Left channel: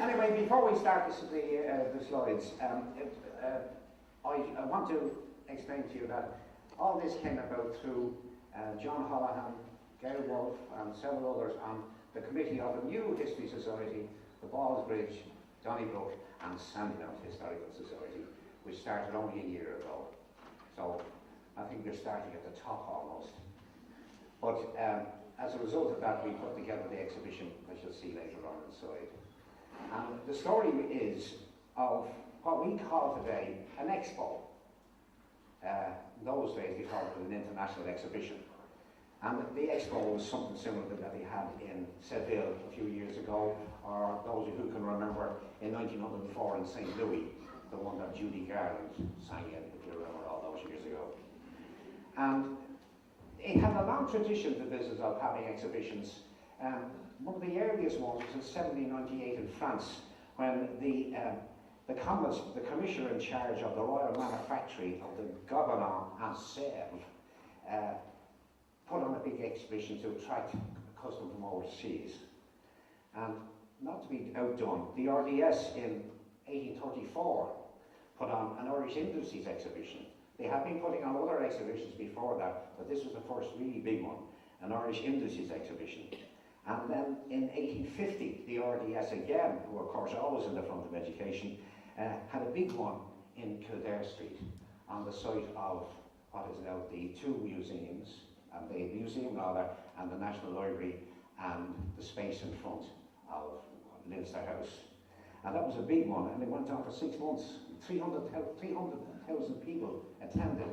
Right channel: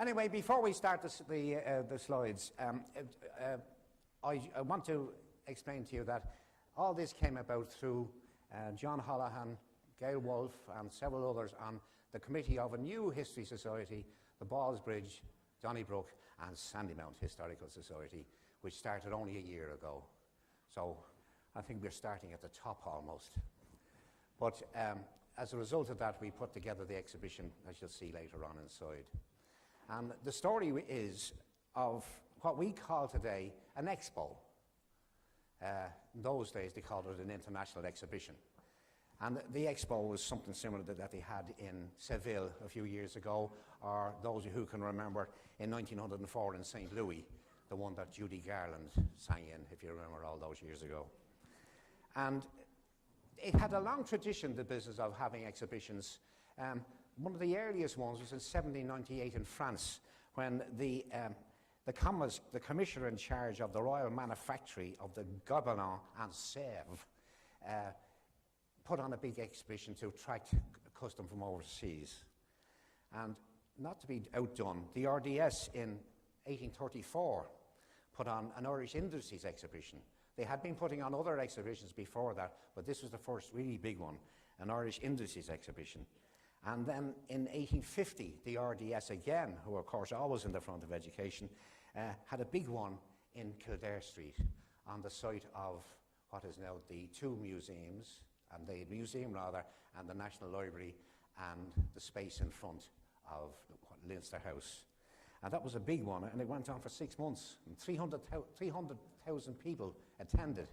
Anyway, before we start the slides, I want to explain to you that all this came about through John Holohan, Gail Wolfe and several others on the committee of a new history society, the Ballsbridge, Donnybrook and Sandymount Historical Society, which started only a year ago. So I think we're starting at the top almost. But as a result of that, we put together the exhibition, as you'll see later on inside. And the story is of what we call today an expo. In those days they called it an international exhibition. And the expo was something similar to that they had in Seville a few years ago, or those of you who can remember in 1904 in St. Louis, the one that Judy Garland sang in, if you remember all those years ago. And it had a long tradition, the business of having exhibitions. One of the earliest ones was in 1798 in France, when the commissioner in charge of the Royal Manufactory of the Gobelin and Sèvres put on a big exhibition to attract custom from overseas. And not to be outdone, the RDS in 1834 put on an Irish Industries exhibition. They had been putting on other exhibitions before that, but this was the first really big one, an Irish Industries exhibition. And then in 1850, the RDS again, who are of course always in the front of education, had a big one in Kildare Street on the site of what is now the two museums, and the museum rather, and the National Library, and the space in front of Leinster House. And that was a big one, and it went on for 6 months. 300,000 people attended.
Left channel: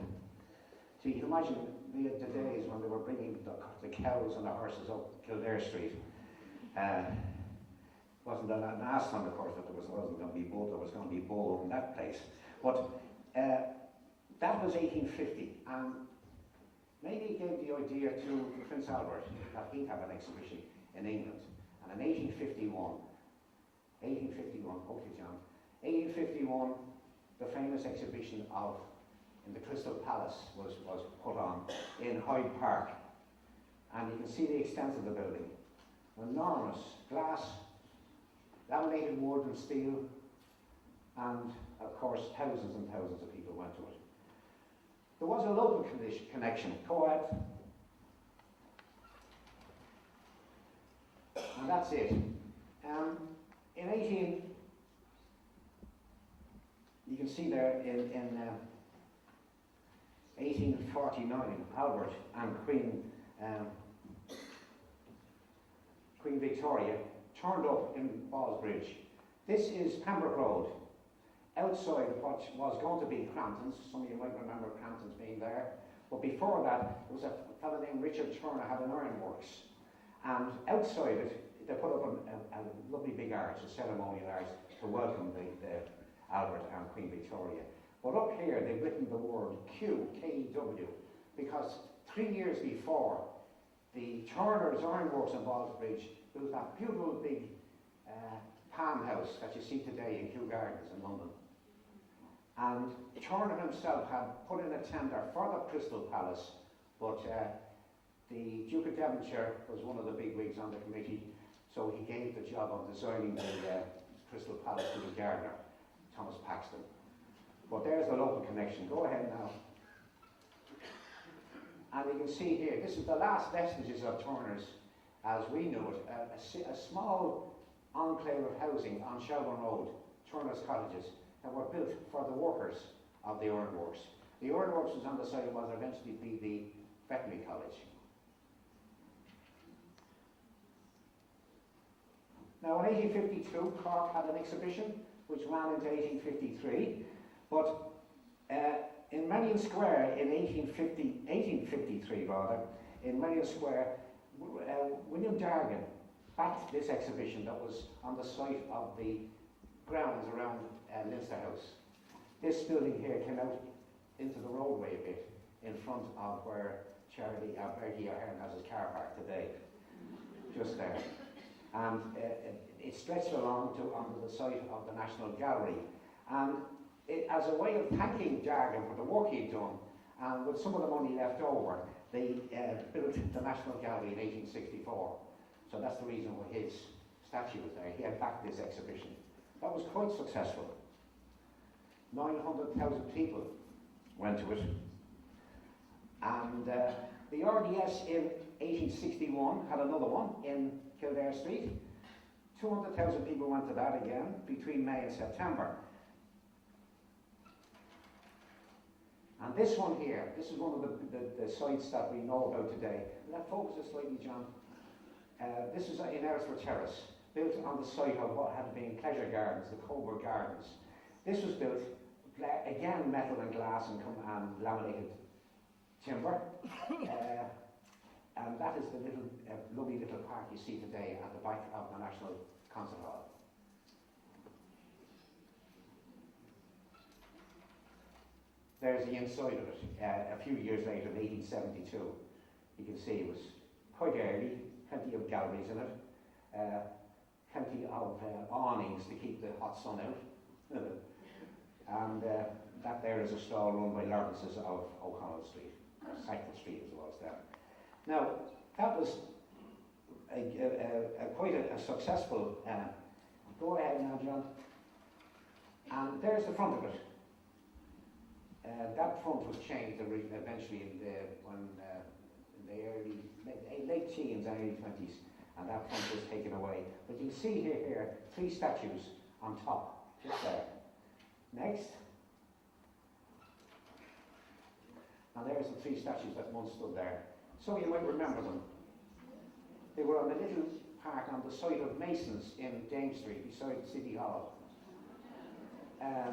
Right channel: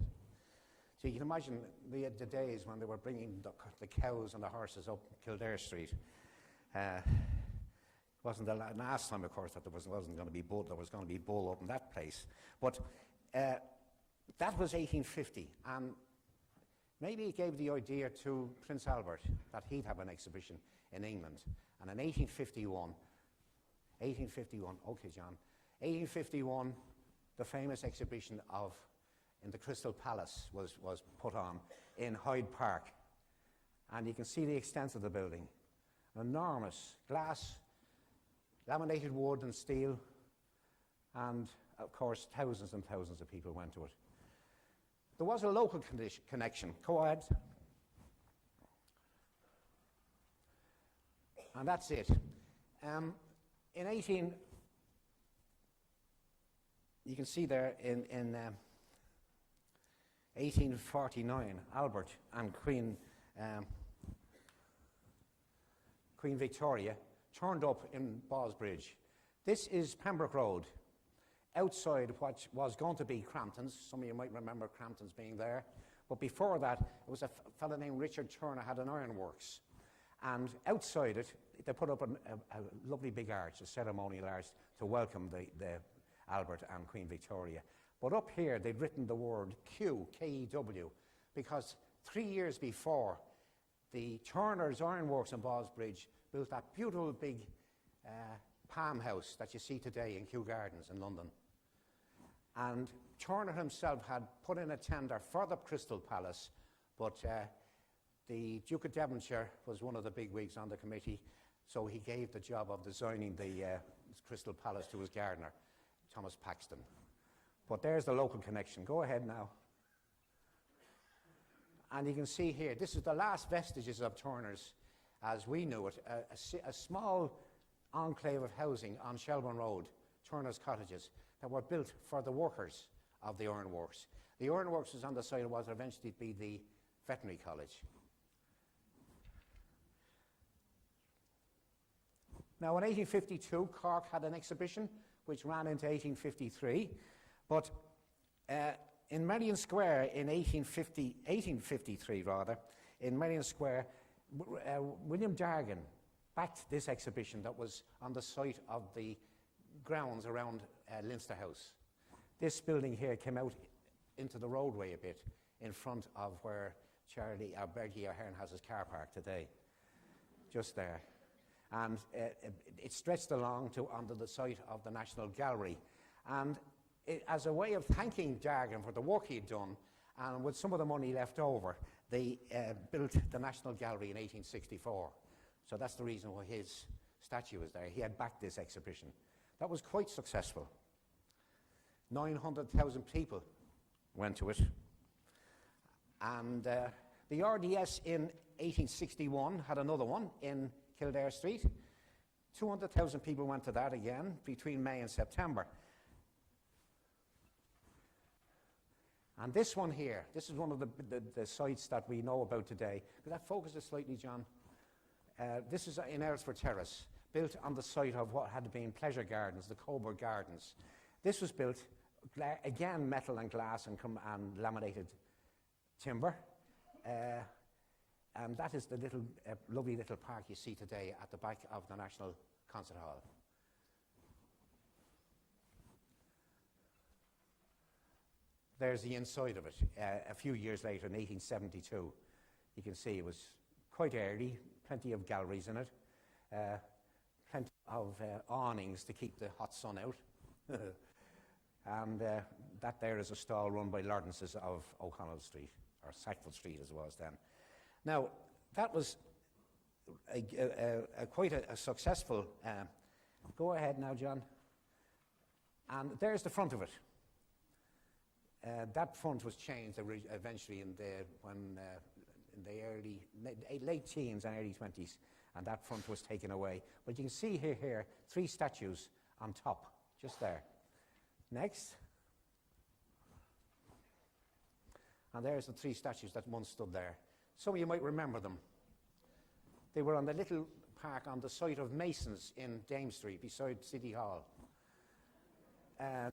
So you can imagine the days when they were bringing the cows and the horses up Kildare Street. Wasn't the last time, of course, that there wasn't going to be bull. There was going to be bull over in that place. But that was 1850, and maybe it gave the idea to Prince Albert that he'd have an exhibition in England. And in 1851, okay, John, 1851, the famous exhibition in the Crystal Palace was put on in Hyde Park. And you can see the extent of the building. Enormous glass, laminated wood and steel, and of course thousands and thousands of people went to it. There was a local connection. Go ahead. And that's it. You can see there in 1849, Albert and Queen Victoria turned up in Ballsbridge. This is Pembroke Road, outside what was going to be Crampton's. Some of you might remember Crampton's being there. But before that, it was a fellow named Richard Turner had an ironworks. And outside it, they put up a lovely big arch, a ceremonial arch, to welcome the Albert and Queen Victoria. But up here, they've written the word Q, K-E-W, because 3 years before, the Turner's Ironworks in Ballsbridge built that beautiful big palm house that you see today in Kew Gardens in London. And Turner himself had put in a tender for the Crystal Palace, but the Duke of Devonshire was one of the big wigs on the committee, so he gave the job of designing the Crystal Palace to his gardener, Thomas Paxton. But there's the local connection. Go ahead now. And you can see here, this is the last vestiges of Turner's as we knew it, a small enclave of housing on Shelburne Road, Turner's Cottages, that were built for the workers of the ironworks. The ironworks was on the site of what would eventually be the veterinary college. Now in 1852, Cork had an exhibition which ran into 1853, but in Merrion Square in 1853 rather, in Merrion Square, William Dargan backed this exhibition that was on the site of the grounds around Leinster House. This building here came out into the roadway a bit in front of where Bertie Ahern has his car park today, just there. And it stretched along onto the site of the National Gallery. And as a way of thanking Dargan for the work he'd done, and with some of the money left over, they built the National Gallery in 1864. So that's the reason why his statue is there. He had backed this exhibition. That was quite successful. 900,000 people went to it. And the RDS in 1861 had another one in Kildare Street. 200,000 people went to that again between May and September. And this one here, this is one of the sites that we know about today. Will that focus it slightly, John? This is in Eresford Terrace, built on the site of what had been Pleasure Gardens, the Coburg Gardens. This was built, again, metal and glass and laminated timber. And that is the little lovely little park you see today at the back of the National Concert Hall. There's the inside of it. A few years later, in 1872, you can see it was quite early, plenty of galleries in it, plenty of awnings to keep the hot sun out. And that there is a stall run by Lawrence's of O'Connell Street, or Sackville Street as well as that. Now, that was quite a successful, go ahead now, John. And there's the front of it. That front was changed eventually in the late teens, early 20s, and that front was taken away. But you can see here 3 statues on top, just there. Next. And there's the 3 statues that once stood there. So you might remember them. They were on a little park on the site of Mason's in Dame Street, beside City Hall.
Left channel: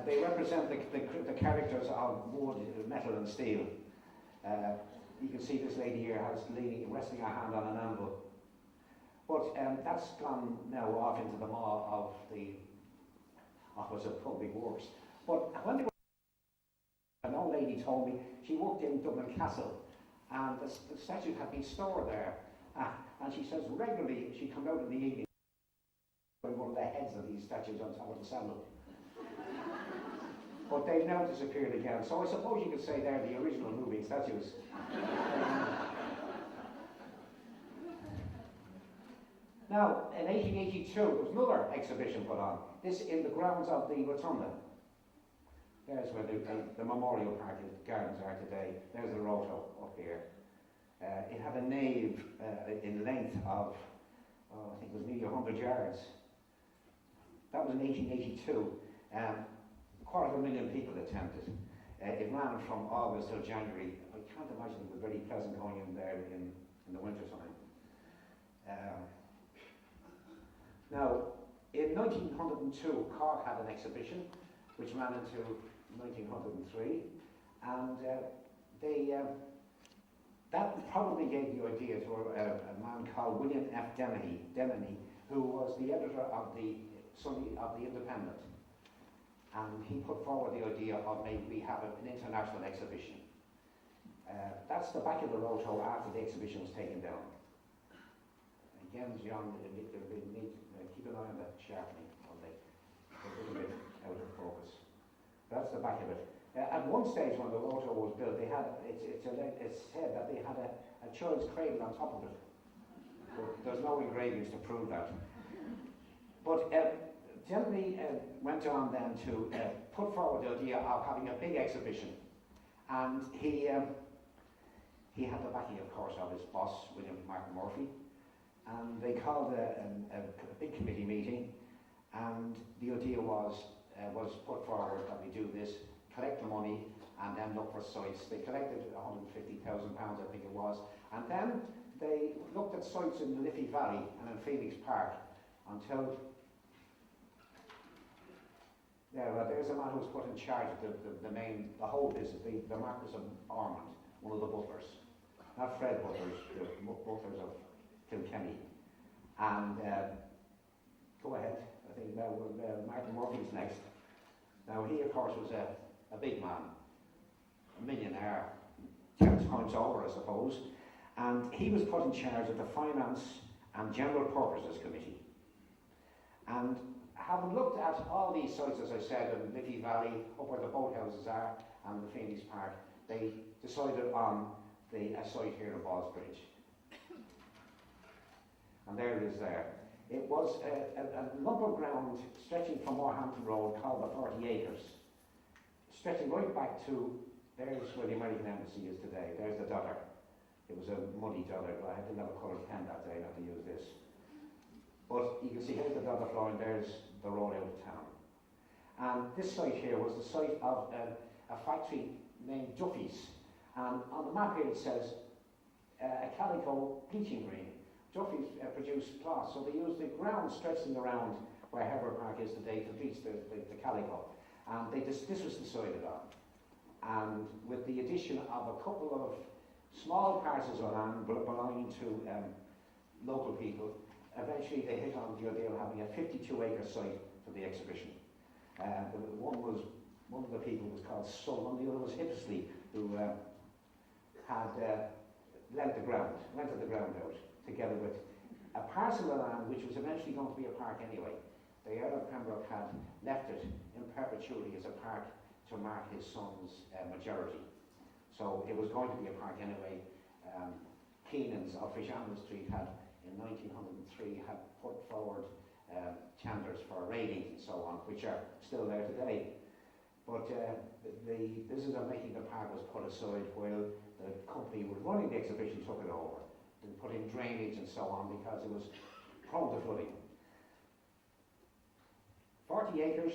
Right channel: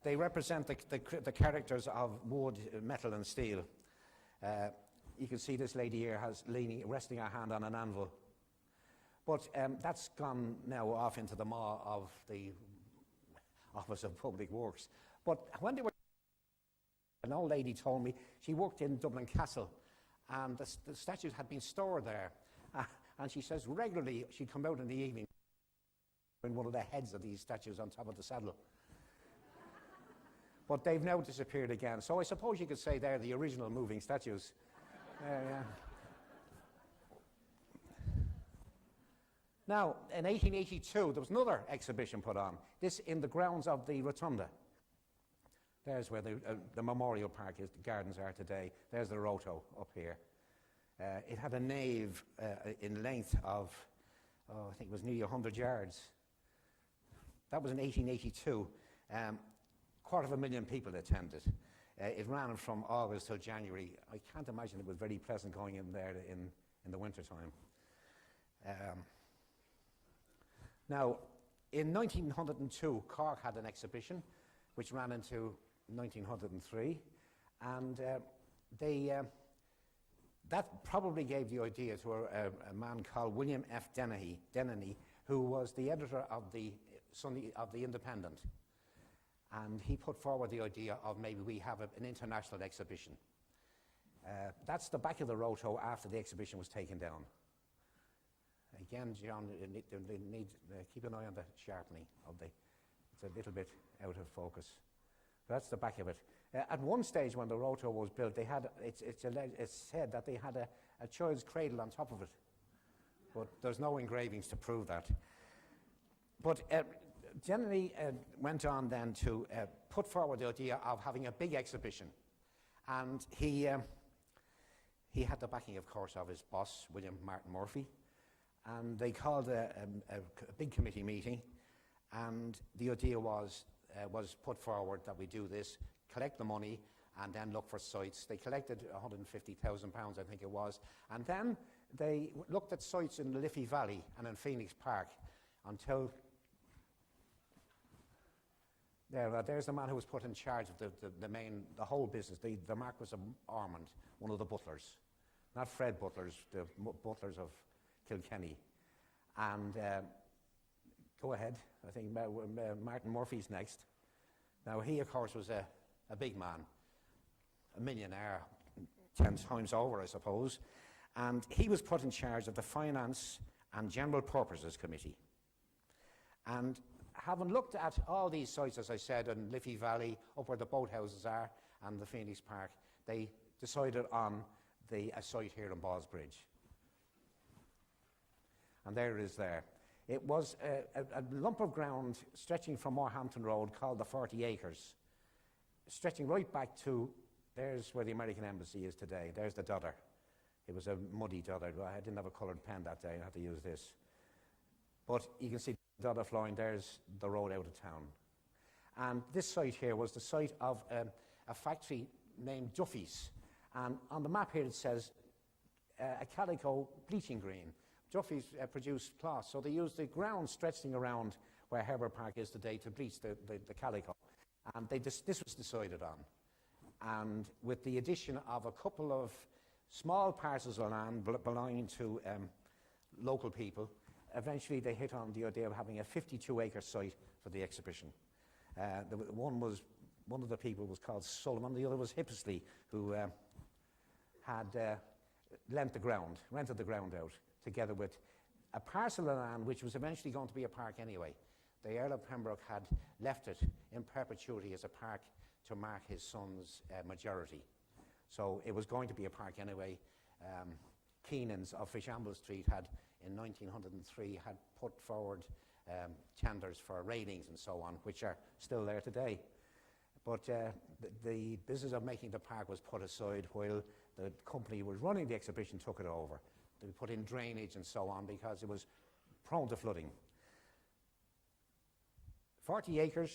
They represent the characters of wood, metal and steel. You can see this lady here resting her hand on an anvil. But that's gone now off into the maw of the Office of Public Works. But when they were, an old lady told me she worked in Dublin Castle, and the statues had been stored there. And she says regularly she'd come out in the evening with one of the heads of these statues on top of the saddle. But they've now disappeared again. So I suppose you could say they're the original moving statues. Now, in 1882, there was another exhibition put on, this in the grounds of the Rotunda. There's where the Memorial Park is, the gardens are today. There's the Roto up here. It had a nave in length of, I think it was nearly 100 yards. That was in 1882. 250,000 people attended. It ran from August till January. I can't imagine it was very pleasant going in there in the winter time. Now, in 1902, Cork had an exhibition which ran into 1903, and that probably gave the idea to a man called William F. Dennehy, who was the editor of the Independent. And he put forward the idea of maybe we have an international exhibition. That's the back of the Roto after the exhibition was taken down. Again, John, they need keep an eye on the sharpening of it's a little bit out of focus. That's the back of it. At one stage when the Roto was built, they had it's said that they had a child's cradle on top of it. But there's no engravings to prove that. But Generally went on then to put forward the idea of having a big exhibition, and he had the backing, of course, of his boss, William Martin Murphy, and they called a big committee meeting, and the idea was put forward that we do this. collect the money, and then look for sites. They collected £150,000, I think it was, and then they looked at sites in the Liffey Valley and in Phoenix Park until there's the man who was put in charge of the whole business, the Marquis of Ormond, one of the butlers. Not Fred Butlers, the butlers of Kilkenny. And go ahead, I think Martin Murphy's next. Now he, of course, was a big man, a millionaire, 10 times over, I suppose. And he was put in charge of the Finance and General Purposes Committee. And having looked at all these sites, as I said, in Liffey Valley, up where the boathouses are, and the Phoenix Park, they decided on a site here in Ballsbridge. And there it is there. It was a lump of ground stretching from Moorhampton Road called the 40 acres, stretching right back to, there's where the American Embassy is today, there's the Dodder. It was a muddy Dodder, but I didn't have a coloured pen that day, I had to use this. But you can see here's the Dodder flowing, there's the road out of town. And this site here was the site of a factory named Duffy's. And on the map here it says a calico bleaching green. Duffy's produced cloth, so they used the ground stretching around where Herbert Park is today to bleach the calico. And this was decided on. And with the addition of a couple of small parcels of land belonging to local people, eventually they hit on the idea of having a 52-acre site for the exhibition. One of the people was called Sullivan, the other was Hippisley, who had rented the ground out, together with a parcel of land which was eventually going to be a park anyway. The Earl of Pembroke had left it in perpetuity as a park to mark his son's majority. So it was going to be a park anyway. Keenan's of Fishamble Street had, in 1903, had put forward tenders for railings and so on, which are still there today. But the business of making the park was put aside while the company who was running the exhibition took it over. They put in drainage and so on because it was prone to flooding. 40 acres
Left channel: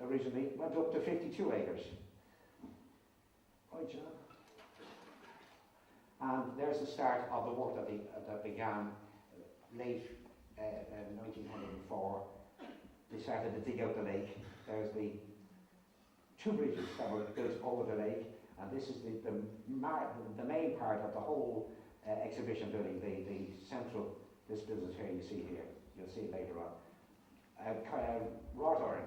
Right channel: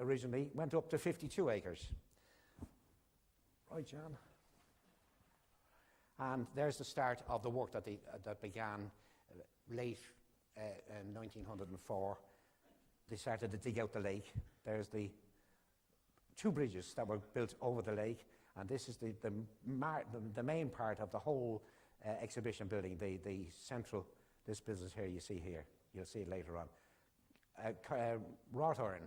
originally went up to 52 acres. Right, John? And there's the start of the work that began late in 1904. They started to dig out the lake. There's the two bridges that were built over the lake, and this is the main part of the whole exhibition building, the central, this business here you see here, you'll see it later on. Wrought iron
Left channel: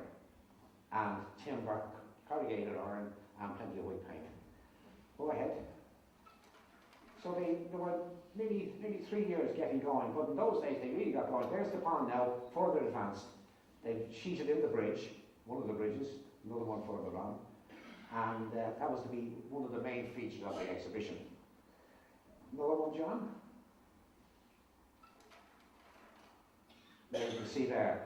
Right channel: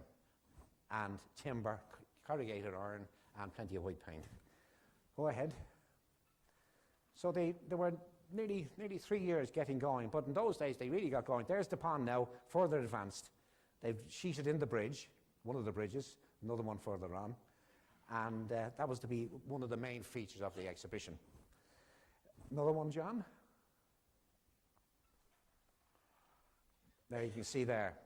and timber, corrugated iron, and plenty of white paint. Go ahead. So they were nearly 3 years getting going, but in those days they really got going. There's the pond now, further advanced. They've sheeted in the bridge, one of the bridges, another one further on, and that was to be one of the main features of the exhibition. Another one, John? There you can see there,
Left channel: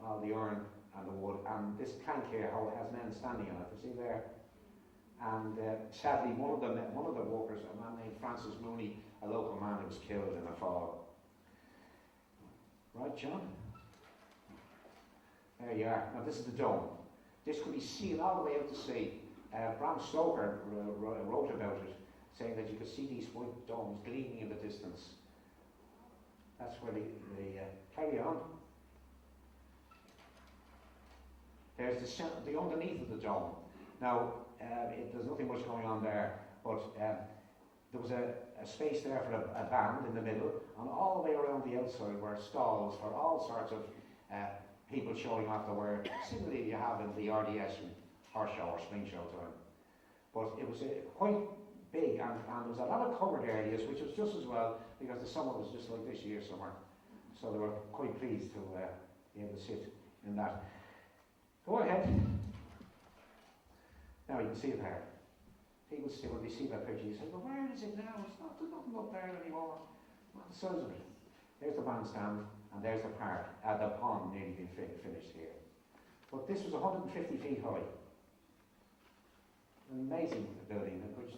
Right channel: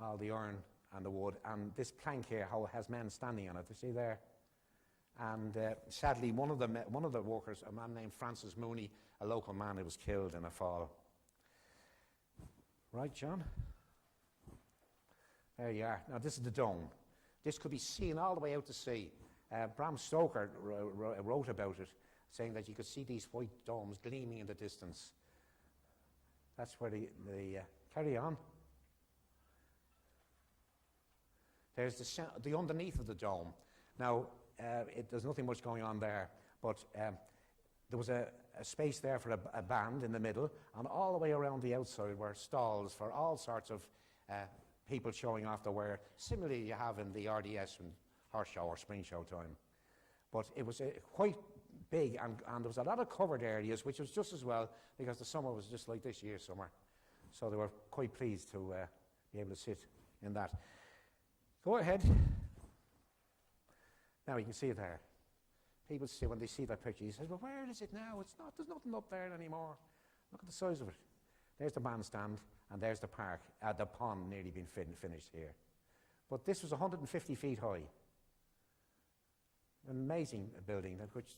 all the iron and the wood, and this plank here how it has men standing on it, you see there? And sadly, one of the workers, a man named Francis Mooney, a local man who was killed in a fall. Right, John? There you are. Now this is the dome. This could be seen all the way out to sea. Bram Stoker wrote about it, saying that you could see these white domes gleaming in the distance. That's where carry on. There's the underneath of the dome. Now, there's nothing much going on there, but there was a space there for a band in the middle, and all the way around the outside were stalls for all sorts of people showing off their wear. Similarly, you have in the RDS and horse show or spring show time. But it was quite big, and there was a lot of covered areas, which was just as well, because the summer was just like this year's summer. So they were quite pleased to be able to sit in that. Go ahead. Now you can see it there. People see, when they see that picture, you say, well, where is it now? It's not, there's nothing up there anymore. Look at the size of it. There's the bandstand, and there's the park, the pond nearly being finished here. But this was 150 feet high. An amazing building, which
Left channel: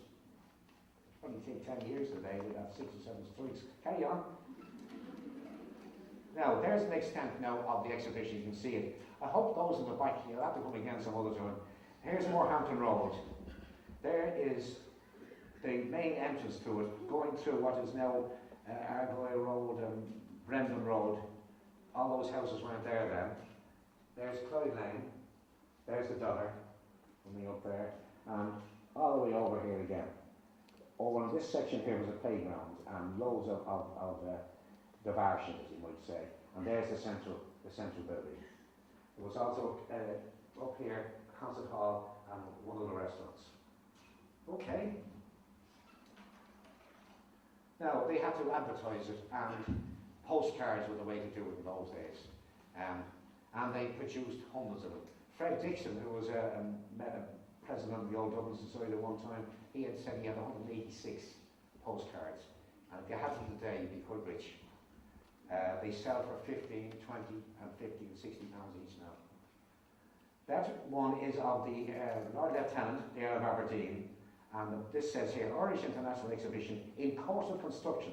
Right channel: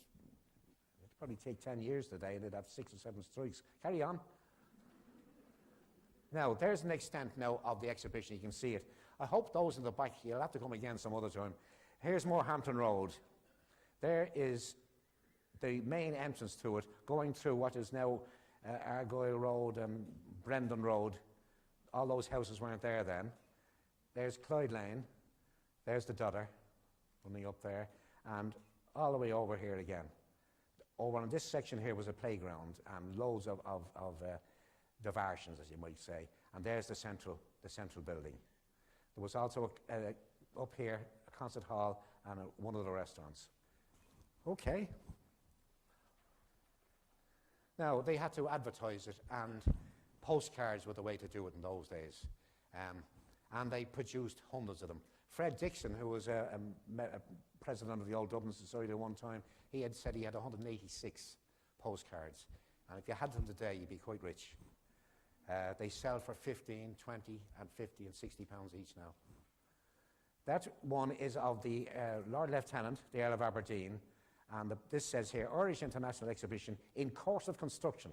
probably take 10 years today. They'd have 6 or 7 streets. Carry on. Now, there's an extent now of the exhibition. You can see it. I hope those in the back, you'll have to come again some other time. Here's Morehampton Road. There is the main entrance to it, going through what is now Argyle Road and Brendan Road. All those houses weren't there then. There's Clyde Lane. There's the Dodder, coming up there, and all the way over here again. Over in this section here was a playground and loads of diversions, as you might say. And there's the central building. There was also up here a concert hall and one of the restaurants. Okay. Now they had to advertise it, and postcards were the way to do it in those days. And they produced hundreds of them. Fred Dixon, who was a president of the Old Dublin Society at one time, he had said he had 186 postcards. And if you had them today, you'd be quite rich. They sell for 15, 20 and 50 and 60 pounds each now. That one is of the Lord Lieutenant, the Earl of Aberdeen, and this says here, Irish International Exhibition in course of construction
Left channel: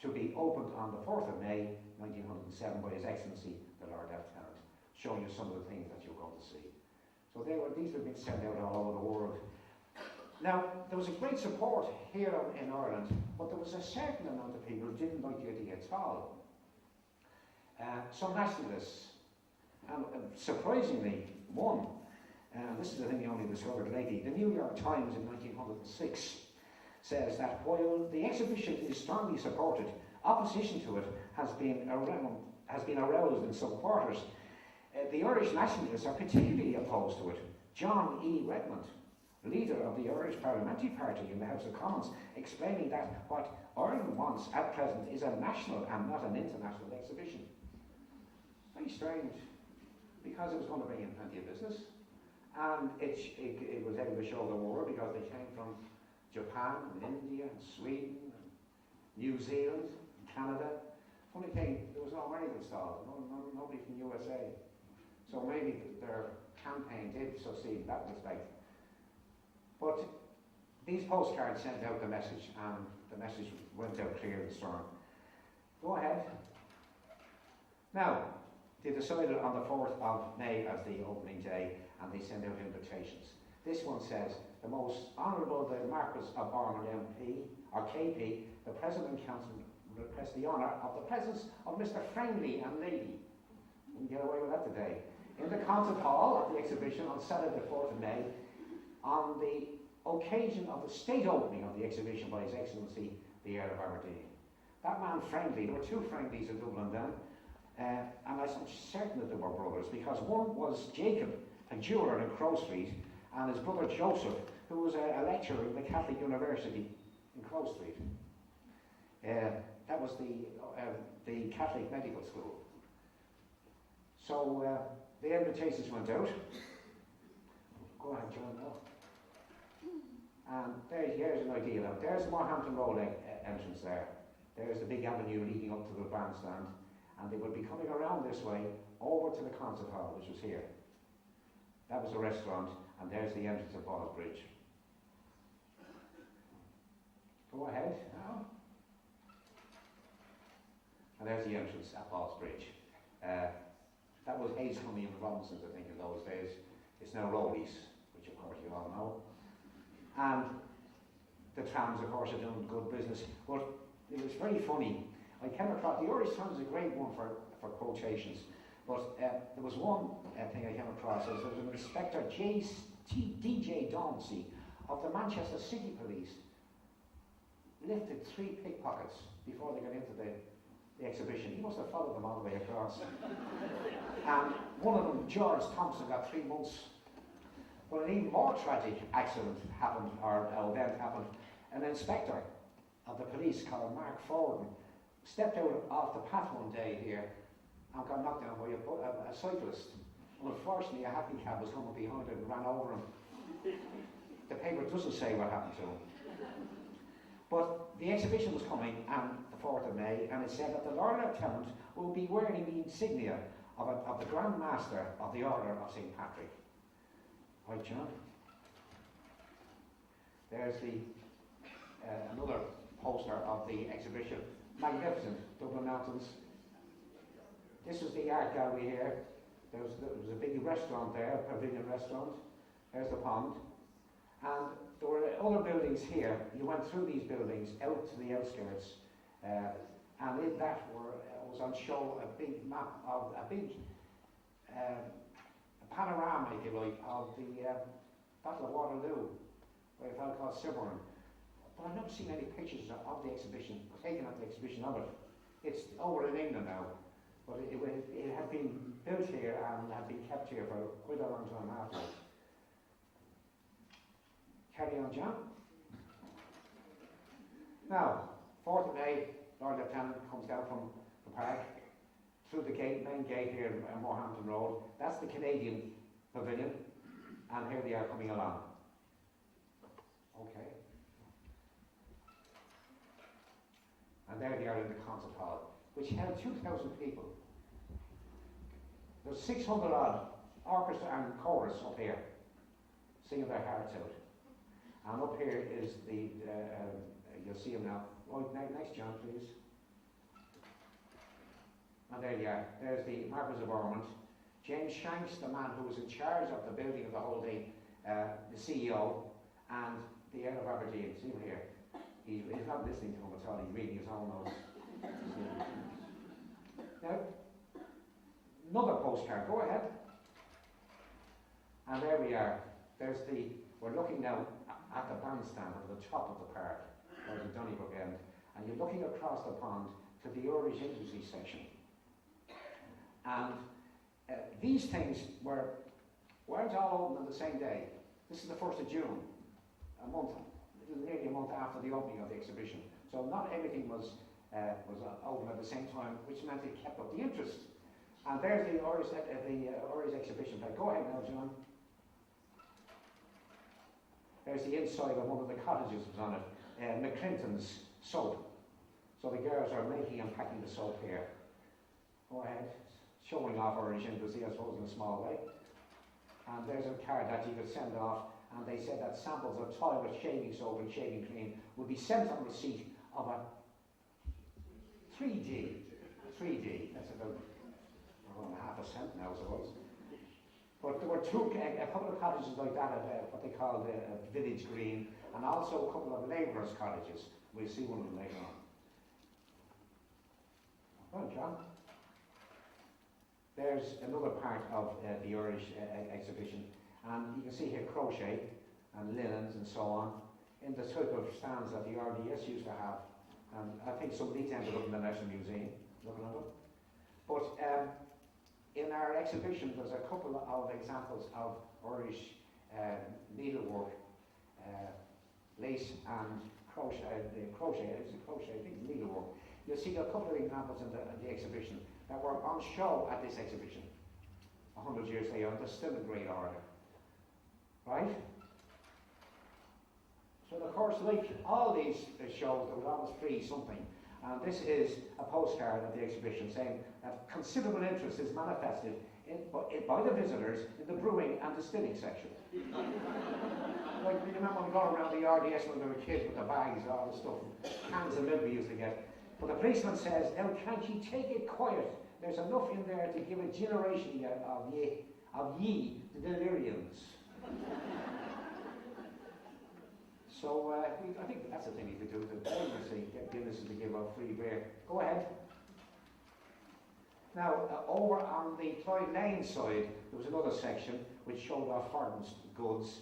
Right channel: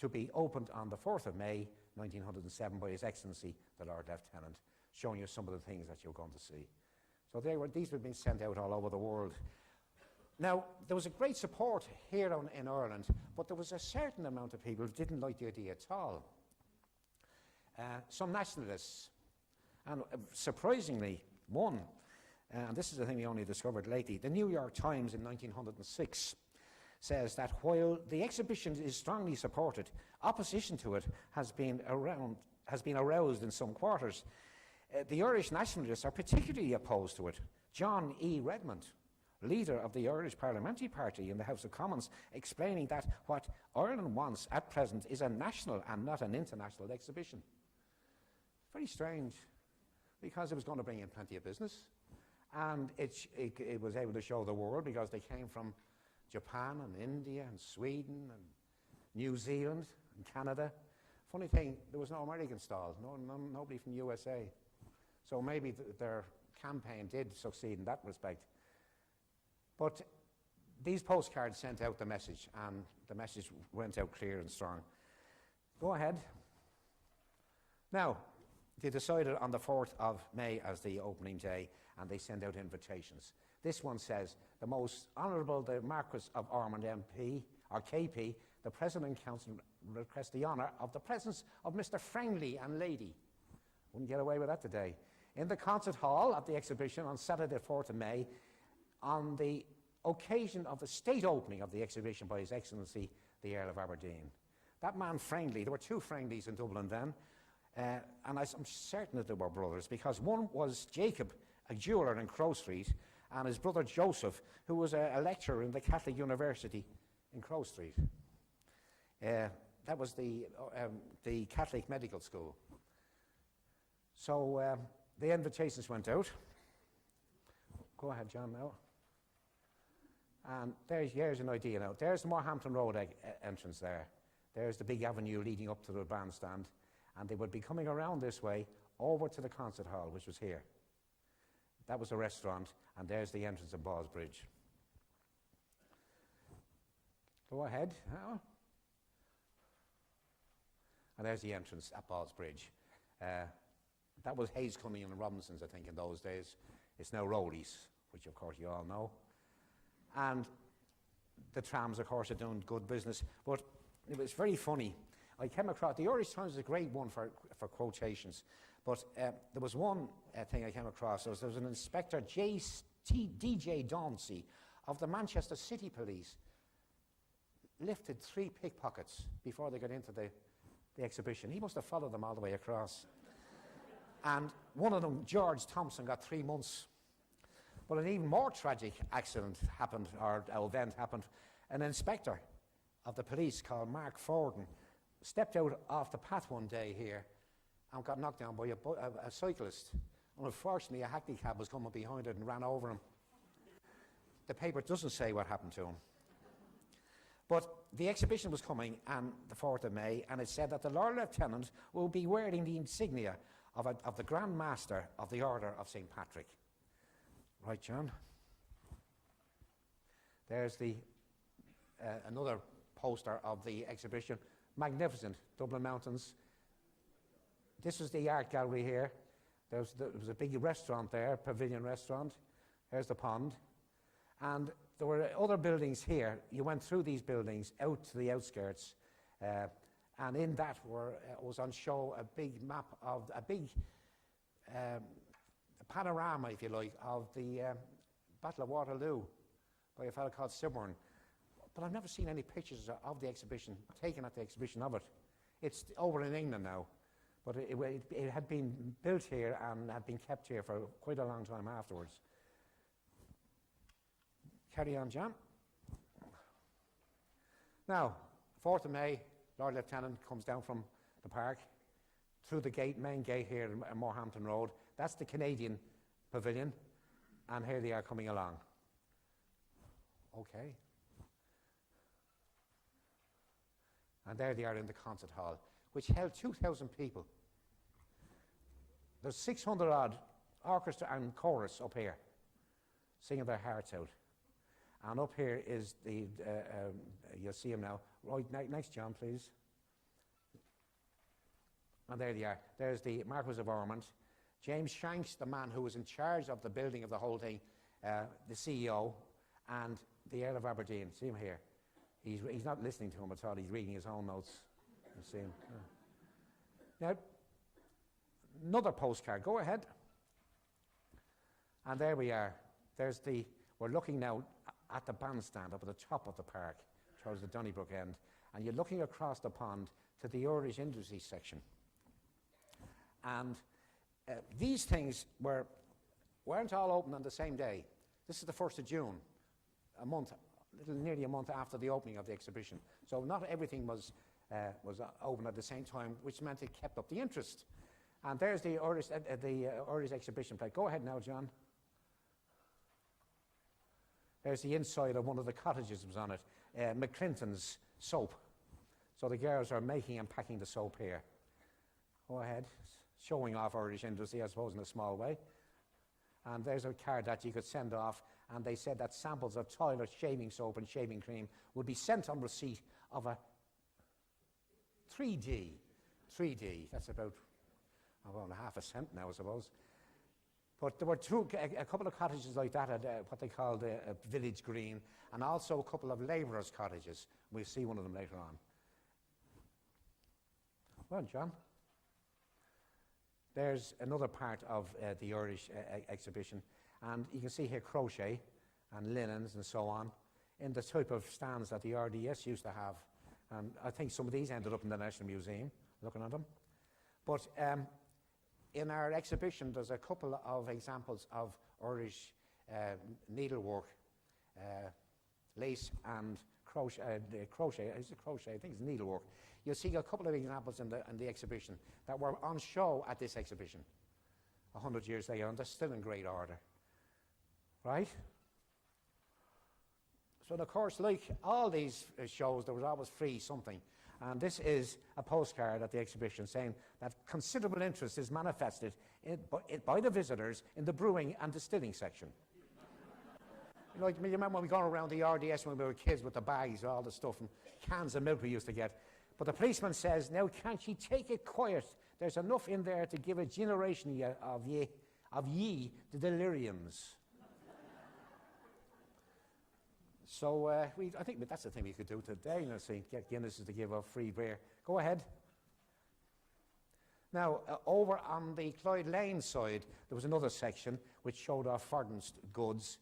to be opened on the 4th of May 1907 by His Excellency, the Lord Lieutenant, showing you some of the things that you're going to see. So these were being sent out all over the world. Now, there was a great support here in Ireland, but there was a certain amount of people who didn't like the idea at all. Some nationalists, and surprisingly, one, this is the thing we only discovered lately, the New York Times in 1906 says that while the exhibition is strongly supported, opposition to it has been aroused in some quarters. The Irish nationalists are particularly opposed to it. John E. Redmond, leader of the Irish Parliamentary Party in the House of Commons, explaining that what Ireland wants at present is a national and not an international exhibition. Very strange, because it was going to bring in plenty of business, and it was able to show the world because they came from Japan and India and Sweden and New Zealand and Canada. Funny thing, there was no American stall, nobody from USA. So maybe their campaign did succeed in that respect. But these postcards sent out the message, and the message went out clear and strong. Go ahead. Now, they decided on the 4th of May as the opening day, and they sent out invitations. This one says, the most honourable, the Marquess of Ormond MP, or KP, the President and Council request the honour of the presence of Mr. Friendly and Lady. Wouldn't get away with that today. In the concert hall of the exhibition on Saturday the 4th of May, on the occasion of the state opening of the exhibition by His Excellency, the Earl of Aberdeen. That man Friendly, there were two Friendlies in Dublin then, and I'm certain that they were brothers, because one was Jacob, a jeweller in Crow Street, and his brother Joseph, who was a lecturer in the Catholic University in Crow Street. That was the Catholic Medical School. So the invitations went out. Go ahead, John, now. And here's an idea now. There's the Morehampton Road entrance there. There's the big avenue leading up to the bandstand. And they would be coming around this way over to the concert hall, which was here. That was the restaurant, and there's the entrance of Balls Bridge. Go ahead now. And there's the entrance at Balls Bridge. That was Hayes Cumming and Robinson's, I think, in those days. It's now Rowley's, which of course you all know. And the trams, of course, are doing good business. But it was very funny. I came across, the Irish Times is a great one for quotations. But there was one thing I came across. There was an Inspector DJ Dauncey of the Manchester City Police lifted 3 pickpockets before they got into the exhibition. He must have followed them all the way across. And one of them, George Thompson, got 3 months. But an even more tragic accident happened, or event happened. An inspector of the police called Mark Forden stepped out off the path one day here and got knocked down by a cyclist. Well, unfortunately, a happy cab was coming behind it and ran over him. The paper doesn't say what happened to him. But the exhibition was coming on the 4th of May, and it said that the Lord Lieutenant will be wearing the insignia of the Grand Master of the Order of St. Patrick. Right, John? There's another poster of the exhibition. Magnificent, Dublin Mountains. This is the art gallery here. There was a big restaurant there, a pavilion restaurant. There's the pond. And there were other buildings here. You went through these buildings out to the outskirts, and in that was on show a big map of a big panorama, if you like, of the Battle of Waterloo by a fellow called Siggins. But I've never seen any pictures of the exhibition, taken at the exhibition of it. It's over in England now, but it had been built here and had been kept here for quite a long time afterwards. Carry on, John. Now, 4th of May, Lord Lieutenant comes down from the park through the main gate here at Morehampton Road. That's the Canadian Pavilion, and here they are coming along. Okay. And there they are in the concert hall, which held 2,000 people. There's 600 odd orchestra and chorus up here, singing their hearts out. And up here is the, you'll see him now. Right, next John, please. And there you are. There's the Marquis of Ormond. James Shanks, the man who was in charge of the building of the whole thing, the CEO, and the Earl of Aberdeen. See him here. He's not listening to him at all. He's reading his own notes. Now, another postcard. Go ahead. And there we are. We're looking now at the bandstand up at the top of the park, towards the Donnybrook end, and you're looking across the pond to the Irish industry section. And these things weren't all open on the same day. This is the 1st of June, nearly a month after the opening of the exhibition. So not everything was open at the same time, which meant it kept up the interest. And there's the Irish exhibition plate. Go ahead now, John. There's the inside of one of the cottages was on it, McClinton's soap. So the girls are making and packing the soap here. Go ahead, showing off Irish industry, I suppose, in a small way. And there's a card that you could send off, and they said that samples of toilet shaving soap and shaving cream would be sent on receipt of a 3D, that's about half a cent now, I suppose. But there were a couple of cottages like that at what they called Village Green, and also a couple of labourers' cottages. We'll see one of them later on. Well, John. There's another part of the Irish exhibition, and you can see here crochet and linens and so on in the type of stands that the RDS used to have. And I think some of these ended up in the National Museum, looking at them. But in our exhibition, there's a couple of examples of Irish needlework, lace and crochet. I think it's needlework. You'll see a couple of examples in the exhibition that were on show at this exhibition 100 years later, and they're still in great order. Right? So, of course, like all these shows, there was always free something. And this is a postcard at the exhibition saying that considerable interest is manifested by the visitors in the brewing and distilling section. Like, you remember when we got around the RDS when we were kids with the bags, all the stuff, and cans of milk we used to get. But the policeman says, now can't you take it quiet? There's enough in there to give a generation of ye the deliriums. So I think that's the thing you could do today, get Guinnesses to give out free beer. Go ahead. Now, over on the Clyde Lane side, there was another section which showed off foreign goods,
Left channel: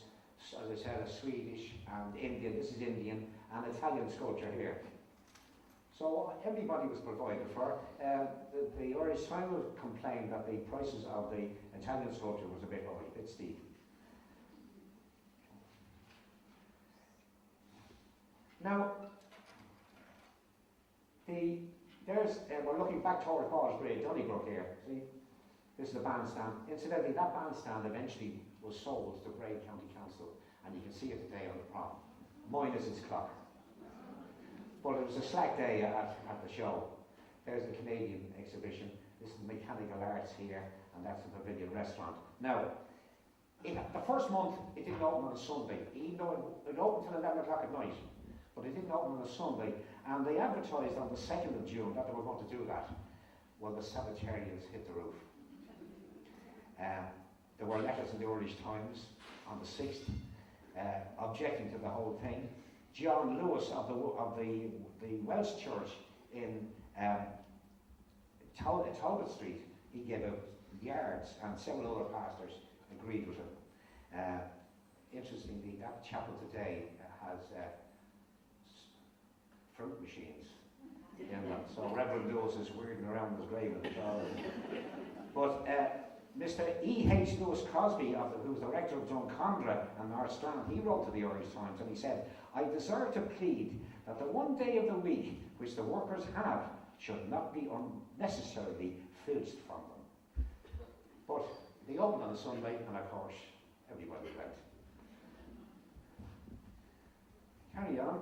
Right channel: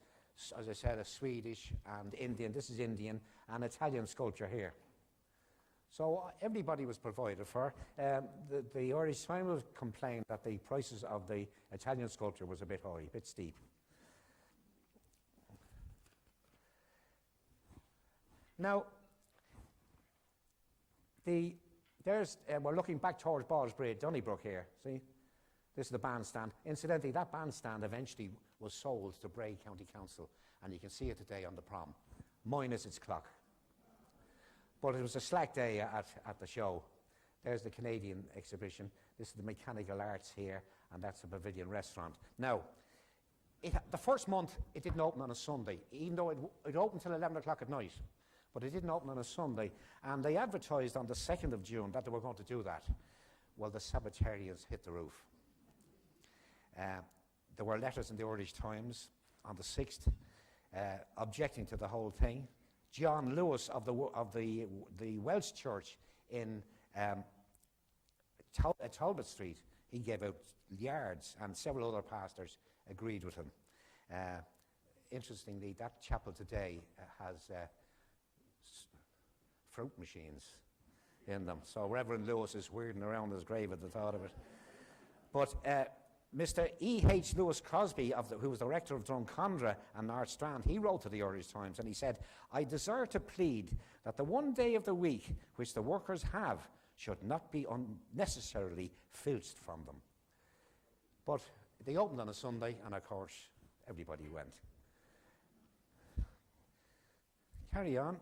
as I said, a Swedish and Indian, this is Indian, and Italian sculpture here. So everybody was provided for. The Irish Times complained that the prices of the Italian sculpture was a bit high, a bit steep. Now, we're looking back towards Ballsbridge, Donnybrook here. See, this is the bandstand. Incidentally, that bandstand eventually was sold to Bray County Council, and you can see it today on the prom, minus its clock. But it was a slack day at the show. There's the Canadian exhibition. This is the Mechanical Arts here, and that's the Pavilion Restaurant. Now, the first month, it didn't open on a Sunday, even though it opened till 11 o'clock at night. But it didn't open on a Sunday, and they advertised on the 2nd of June that they were going to do that. Well, the Sabbatarians hit the roof. There were letters in the Irish Times on the 6th, objecting to the whole thing. John Lewis of the Welsh Church in Talbot Street, he gave out yards, and several other pastors agreed with him. Interestingly, that chapel today has fruit machines in them, so Reverend Lewis is weirding around his grave at the thought of it. But Mr. E.H. Lewis Crosby, who was the rector of Drumcondra and North Strand, he wrote to the Irish Times and he said, "I desire to plead that the one day of the week which the workers have should not be unnecessarily filched from them." But they opened on a Sunday, and of course, everybody went. Carry on.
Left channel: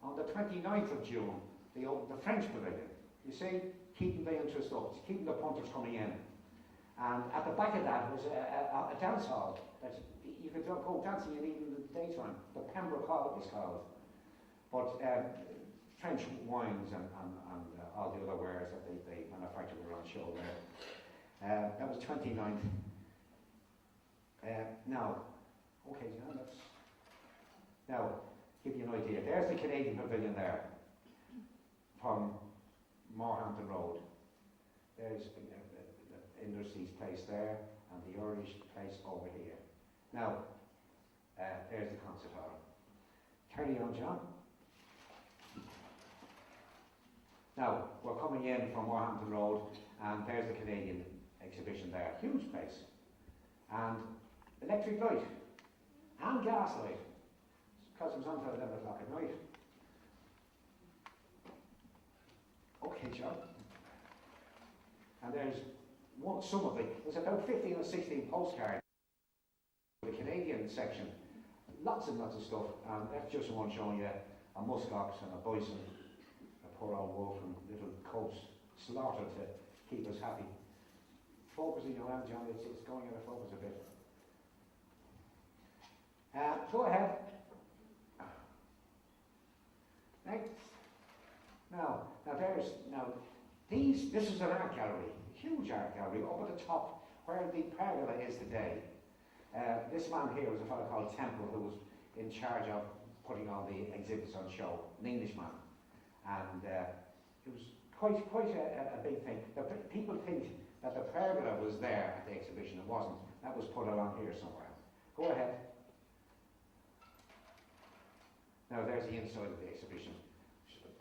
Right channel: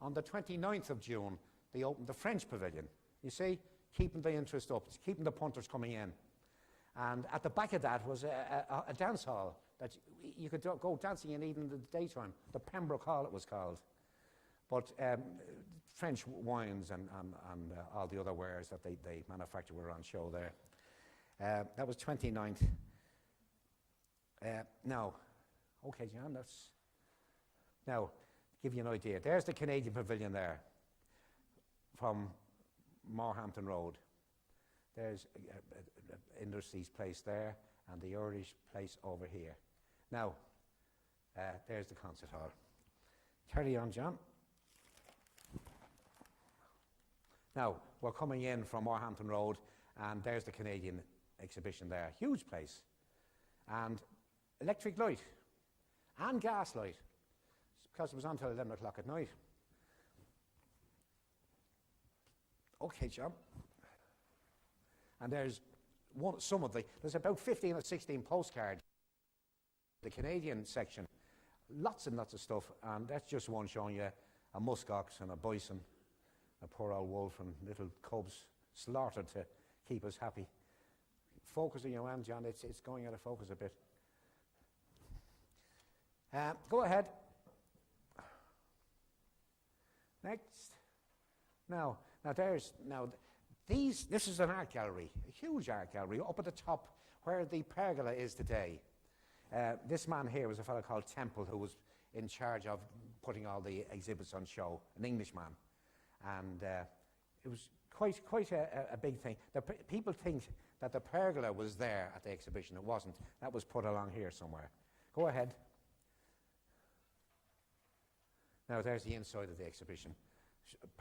On the 29th of June, they opened the French Pavilion. You see, keeping the interest up, keeping the punters coming in. And at the back of that was a dance hall that you could go dancing in even the daytime. The Pembroke Hall it was called. But French wines and all the other wares that they manufactured were on show there. That was 29th. Now, okay, John, now, give you an idea. There's the Canadian Pavilion there, from Morehampton Road. There's Industries Place there, and the Irish Place over here. Now, there's the concert hall. Carry on, John. Now, we're coming in from Morehampton Road, and there's the Canadian exhibition there. Huge place. And electric light, and gas light, because it was on until 11 o'clock at night. Okay, John. And there's there's about 15 or 16 postcards in the Canadian section. Lots and lots of stuff, and that's just one showing you a musk ox and a bison, a poor old wolf and little cubs slaughtered to keep us happy. Focusing around, John, it's going out of focus a bit. Go ahead. Next. This is an art gallery, a huge art gallery up at the top where the pergola is today. This man here was a fellow called Temple, who was in charge of putting all the exhibits on show, an Englishman, and it was quite a big thing. People think that the pergola was there at the exhibition. It wasn't. That was put on here somewhere. Go ahead. Now there's the inside of the exhibition,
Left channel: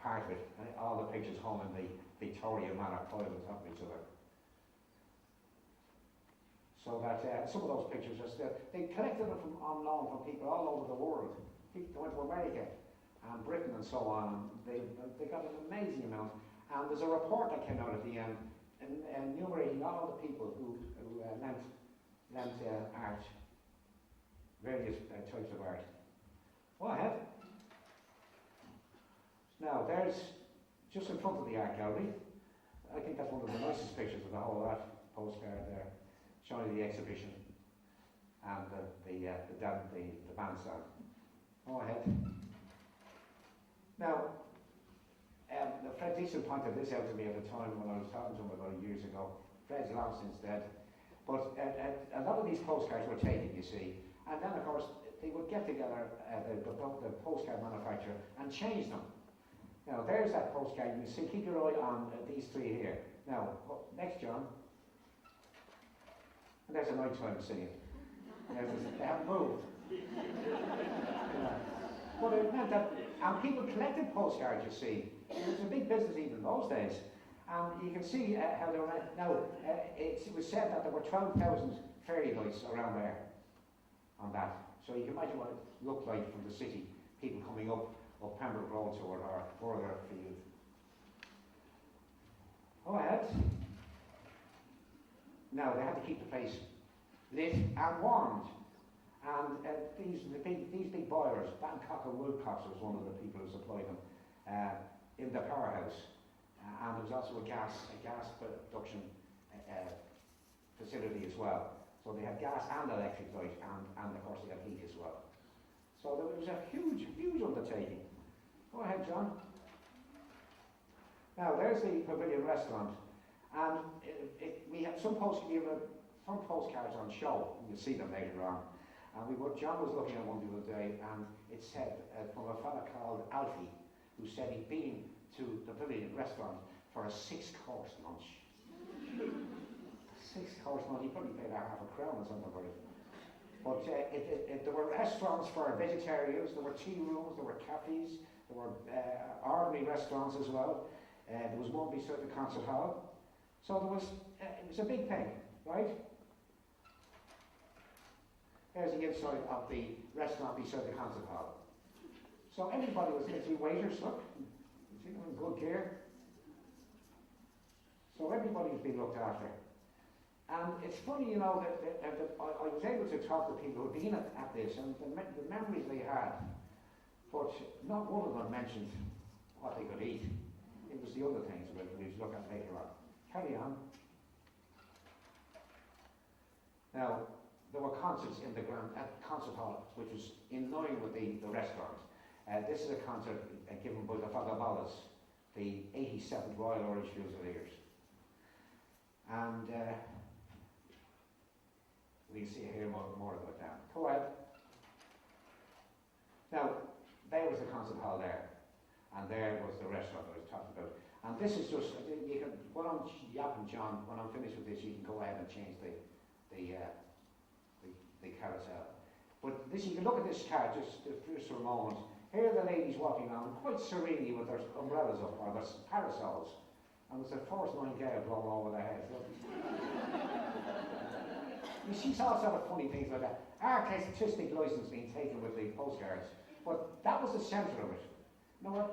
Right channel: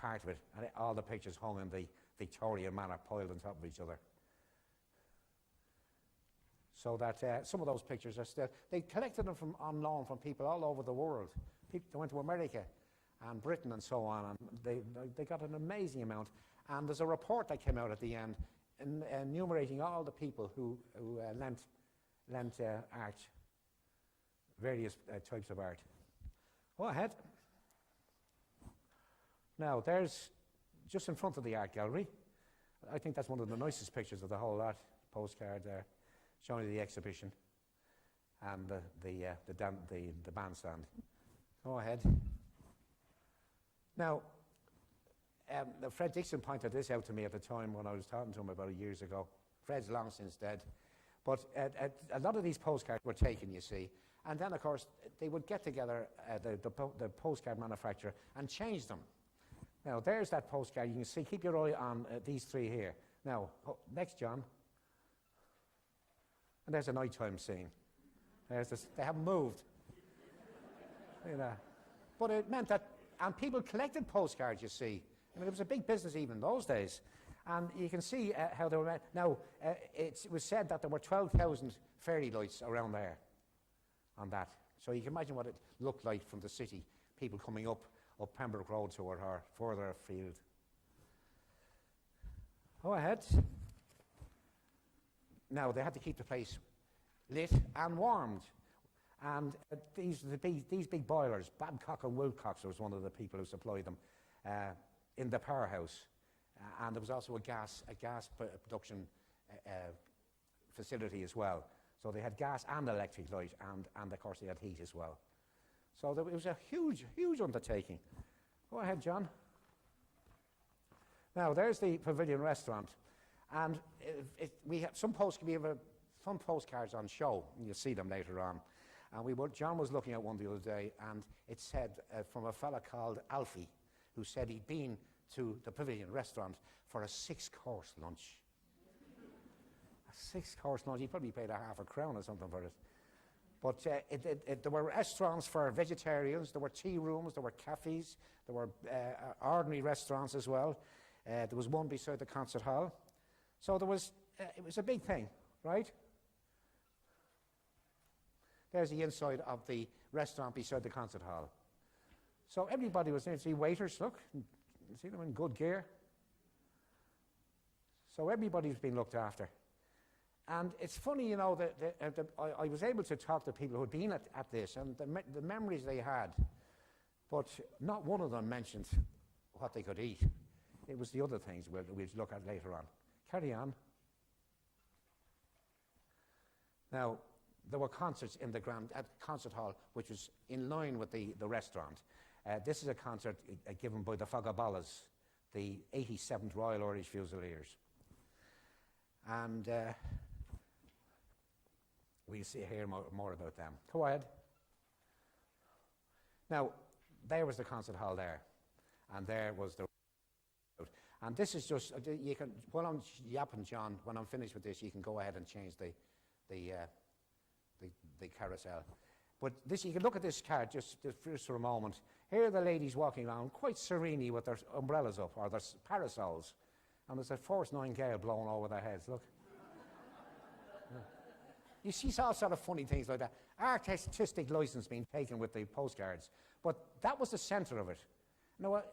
part of it, and all the pictures hung in the Victorian manner, piled on top of each other. So that some of those pictures are still, they collected them on loan from people all over the world. People went to America and Britain and so on, and they got an amazing amount. And there's a report that came out at the end enumerating all the people who lent art, various types of art. Go ahead. Now, there's, just in front of the art gallery, I think that's one of the nicest pictures of the whole art postcard there, showing the exhibition and the bandstand. Go ahead. Now, Fred Dixon pointed this out to me at the time when I was talking to him about years ago. Fred's long since dead. But a lot of these postcards were taken, you see, and then of course they would get together, the postcard manufacturer, and change them. Now there's that postcard. You can see, keep your eye on these three here. Now, next, John. And there's a nighttime scene. There's this, they haven't moved. But it meant that, and people collected postcards, you see. It was a big business even in those days. And you can see how they were. Now, it was said that there were 12,000 fairy lights around there on that. So you can imagine what it looked like from the city, people coming up Pembroke Road or further afield. Go ahead. Now, they had to keep the place lit and warmed. And these big boilers, Babcock and Wilcox was one of the people who supplied them, in the powerhouse. And there was also a gas production facility as well. So they had gas and electric light, and of course they had heat as well. So there was a huge undertaking. Go ahead, John. Now there's the Pavilion Restaurant, and we have some posts can be about fun postcards on show. You'll see them later on. And John was looking at one the other day, and it said from a fella called Alfie, who said he'd been to the Pavilion restaurant for a 6-course lunch. A 6-course lunch, he probably paid half a crown or something for it. But there were restaurants for vegetarians, there were tea rooms, there were cafes, there were ordinary restaurants as well. There was one beside the concert hall. So it was a big thing, right? There's the inside of the restaurant beside the concert hall. So everybody was there. See waiters, look, you see them in good gear. So everybody's been looked after. And it's funny, you know, that I was able to talk to people who had been at this and the memories they had, but not one of them mentioned what they could eat. It was the other things we'll look at later on. Carry on. Now, there were concerts in at concert hall, which was in line with the restaurant. This is a concert given by the Fagaballas, the 87th Royal Irish Fusiliers. And we'll hear more about them. Go ahead. Now, there was the concert hall there, and there was the restaurant I was talking about. And this is just, you can, when I'm yapping, John, when I'm finished with this, you can go ahead and change the carousel. But this, you can look at this card just for a moment. Here are the ladies walking around quite serenely with their umbrellas up, or their parasols. And there's a force 9 gale blowing over their heads, look. You see all sort of funny things like that. Artistic license being taken with the postcards. But that was the centre of it. Now,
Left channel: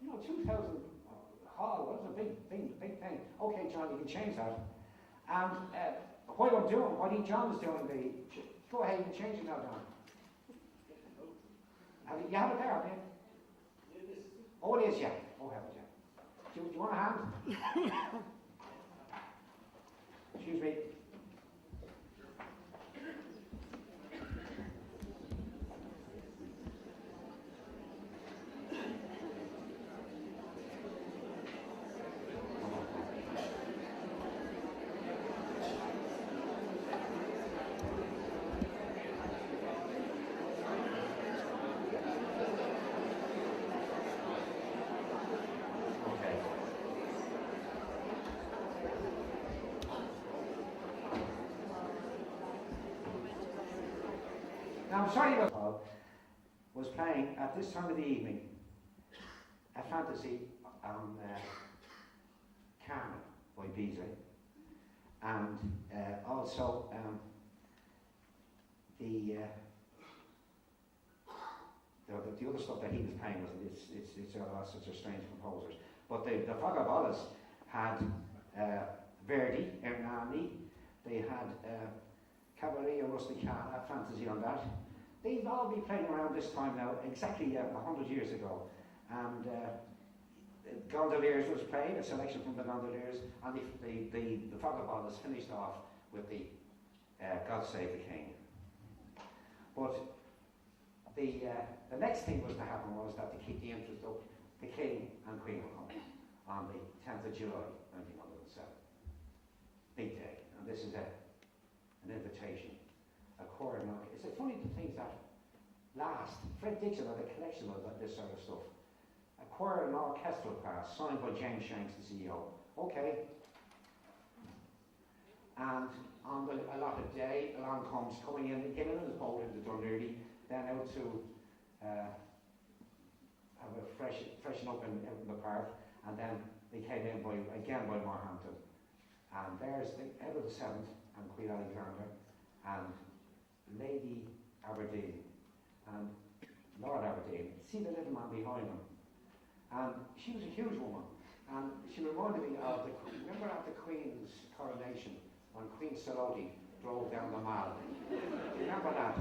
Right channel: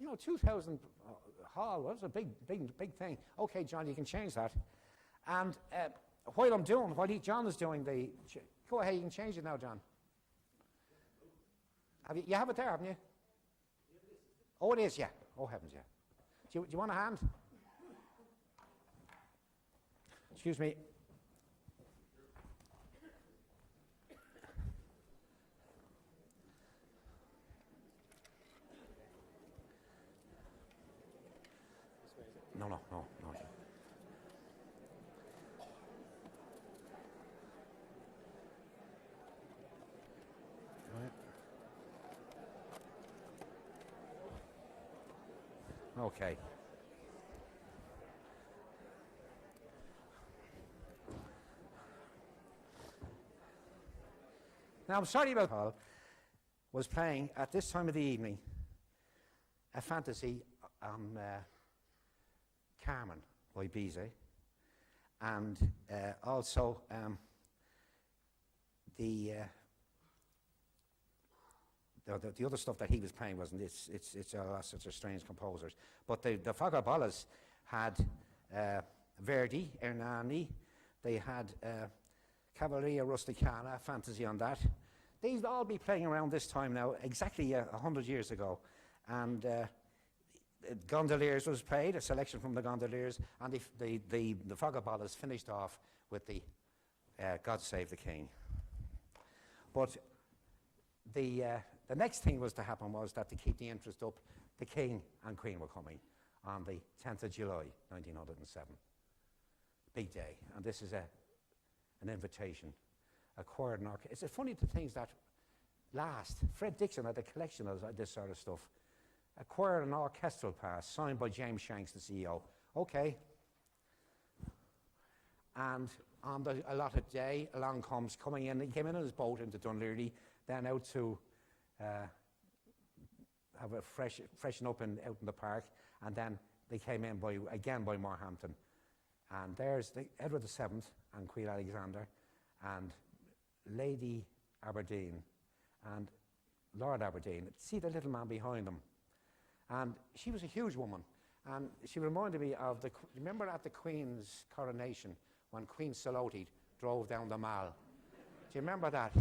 2000 Hall was a big thing. Okay, John, you can change that. And while John is doing go ahead, you can change it now, John. You have it there, haven't you? Oh, it is, yeah. Oh, heavens, yeah. Do you want a hand? Excuse me. Now, I'm sorry about Paul was playing at this time of the evening a fantasy on Carmen by Bizet, and also the other stuff that he was playing wasn't. It's all sorts of strange composers. But the Fagaballas had Verdi, Hernani. They had Cavalleria Rusticana, fantasy on that. They'd all be playing around this time now, exactly 100 years ago. And Gondoliers was played, a selection from the Gondoliers, and the Fagaballas finished off with the God Save the King. But the next thing was to happen was that to keep the interest up, the King and Queen were coming on the 10th of July, 1907. Big day. And this is an invitation, a choir and orchestra. It's funny the things that last. Fred Dixon had a collection of this sort of stuff. A choir and orchestral pass signed by James Shanks, the CEO. Okay. And on the allotted day, along comes coming in. He came in on his boat into Dunleary, then out to have a freshen up out in the park, and then they came in by Morehampton. And there's Edward VII and Queen Alexander and Lady Aberdeen and Lord Aberdeen. See the little man behind them. And she was a huge woman. And she reminded me of remember at the Queen's coronation when Queen Saloti drove down the Mall? Do you remember that?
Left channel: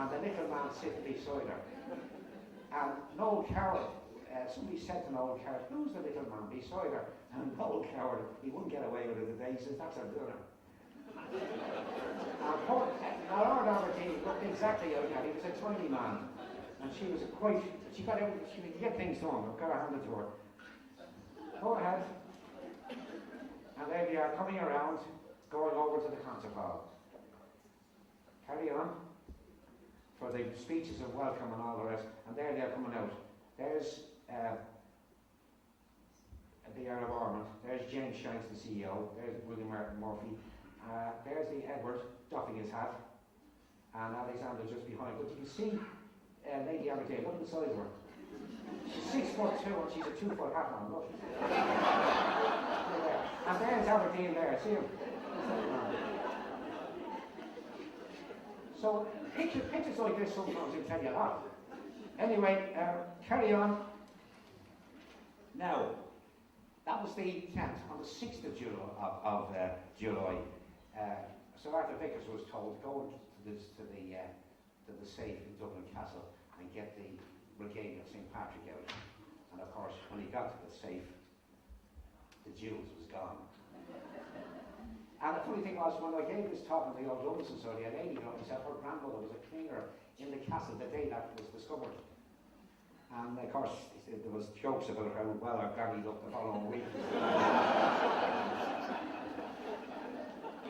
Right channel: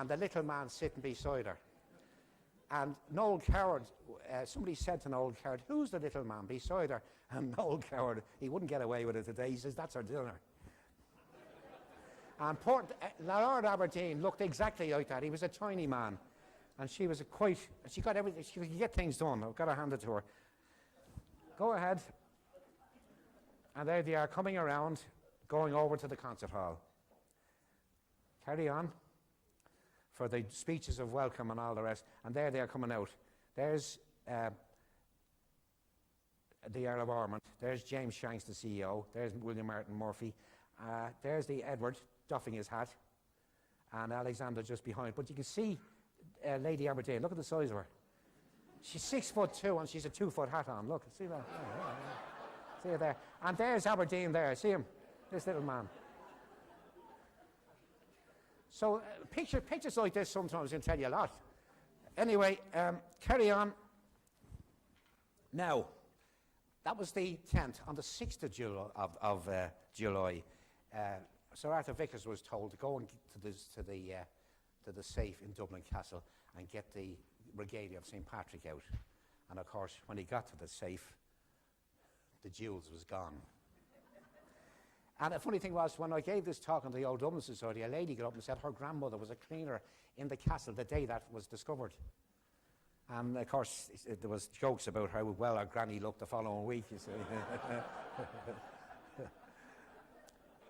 And the little man sitting beside her. And Noel Coward, somebody said to Noel Coward, who's the little man beside her? And Noel Coward, he wouldn't get away with it today. He says, that's her dinner. And Lord Aberdeen looked exactly like that. He was a tiny man. And she was she got everything, she could get things done. I've got to hand it to her. Go ahead. And there they are coming around, going over to the concert hall. Carry on. For the speeches of welcome and all the rest. And there they're coming out. There's the Earl of Ormond. There's James Shanks, the CEO. There's William Murphy. There's the Edward doffing his hat. And Alexander just behind. But you can see Lady Aberdeen. Look at the size of her. She's 6'2" and she's a 2-foot hat on. Look, see that? See her there. And there's Aberdeen there. See him? This little man. So pictures like this sometimes will tell you a lot. Anyway, carry on. Now, that was the 10th. On the 6th of July, Sir Arthur Vickers was told to go to the safe in Dublin Castle and get the regalia of St. Patrick out. And of course, when he got to the safe, the jewels was gone. And the funny thing was, when I gave this talk in the Old Dublin Society, a lady got up and said her grandmother was a cleaner in the castle the day that was discovered. And of course, there was jokes about how well our granny looked the following week.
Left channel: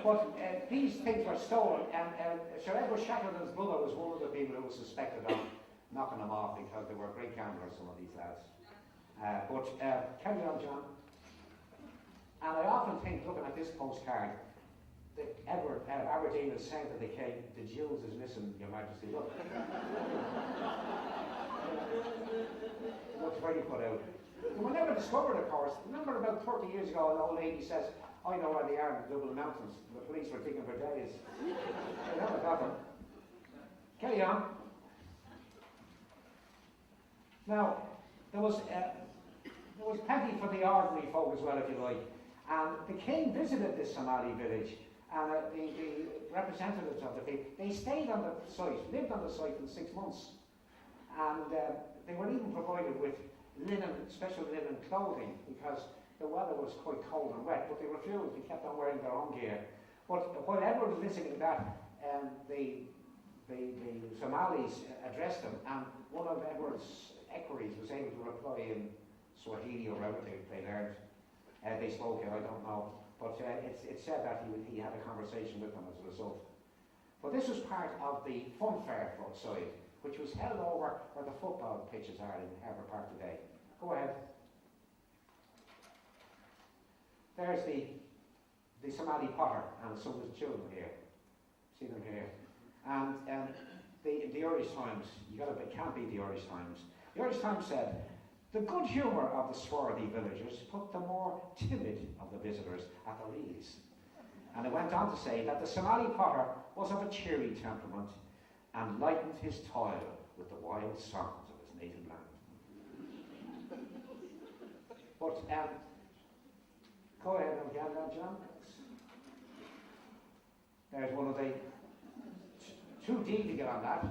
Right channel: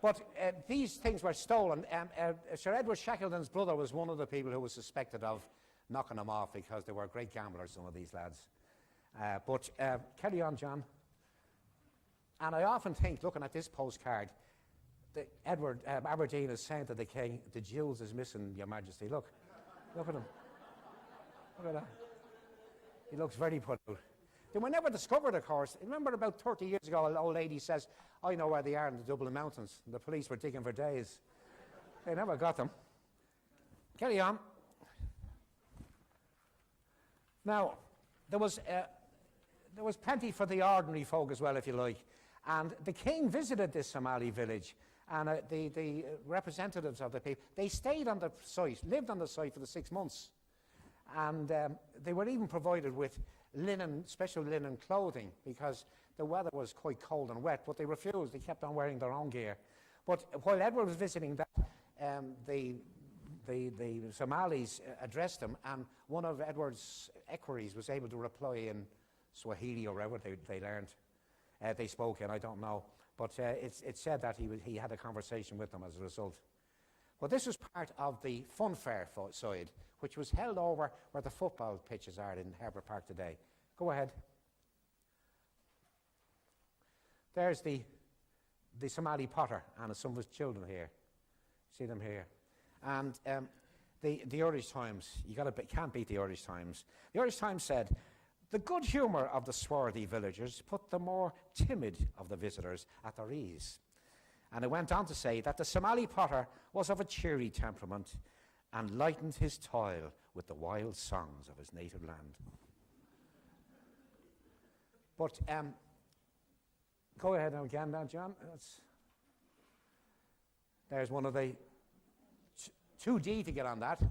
But these things were stolen, and Sir Edward Shackleton's brother was one of the people who was suspected of knocking them off because they were great gamblers, some of these lads. But carry on, John. And I often think, looking at this postcard, that Edward Aberdeen is saying to the king, the jewels is missing, Your Majesty. Look. Look at him. He looks very put out. They were never discovered, of course. Remember about 30 years ago, an old lady says, I know where they are in the Dublin Mountains. The police were digging for days. They never got them. Carry on. Now, there was plenty for the ordinary folk as well, if you like. And the king visited this Somali village, and the representatives of the people, they stayed on the site, lived on the site for the 6 months. And they were even provided with special linen clothing, because the weather was quite cold and wet, but they refused. They kept on wearing their own gear. But while Edward was visiting that, the Somalis addressed him, and one of Edward's equerries was able to reply in Swahili or whatever they learned. They spoke in, I don't know. But it's said that he had a conversation with them as a result. But this was part of the funfair side, which was held over where the football pitches are in Harbour Park today. Go ahead. There's the Somali potter and some of his children here. See them here. And the Irish Times, can't beat the Irish Times. The Irish Times said, the good humour of the swarthy villagers put the more timid of the visitors at their ease. And it went on to say that the Somali potter was of a cheery temperament and lightened his toil with the wild songs of his native land. But go ahead again now, John. There's one of the 2D to get on that.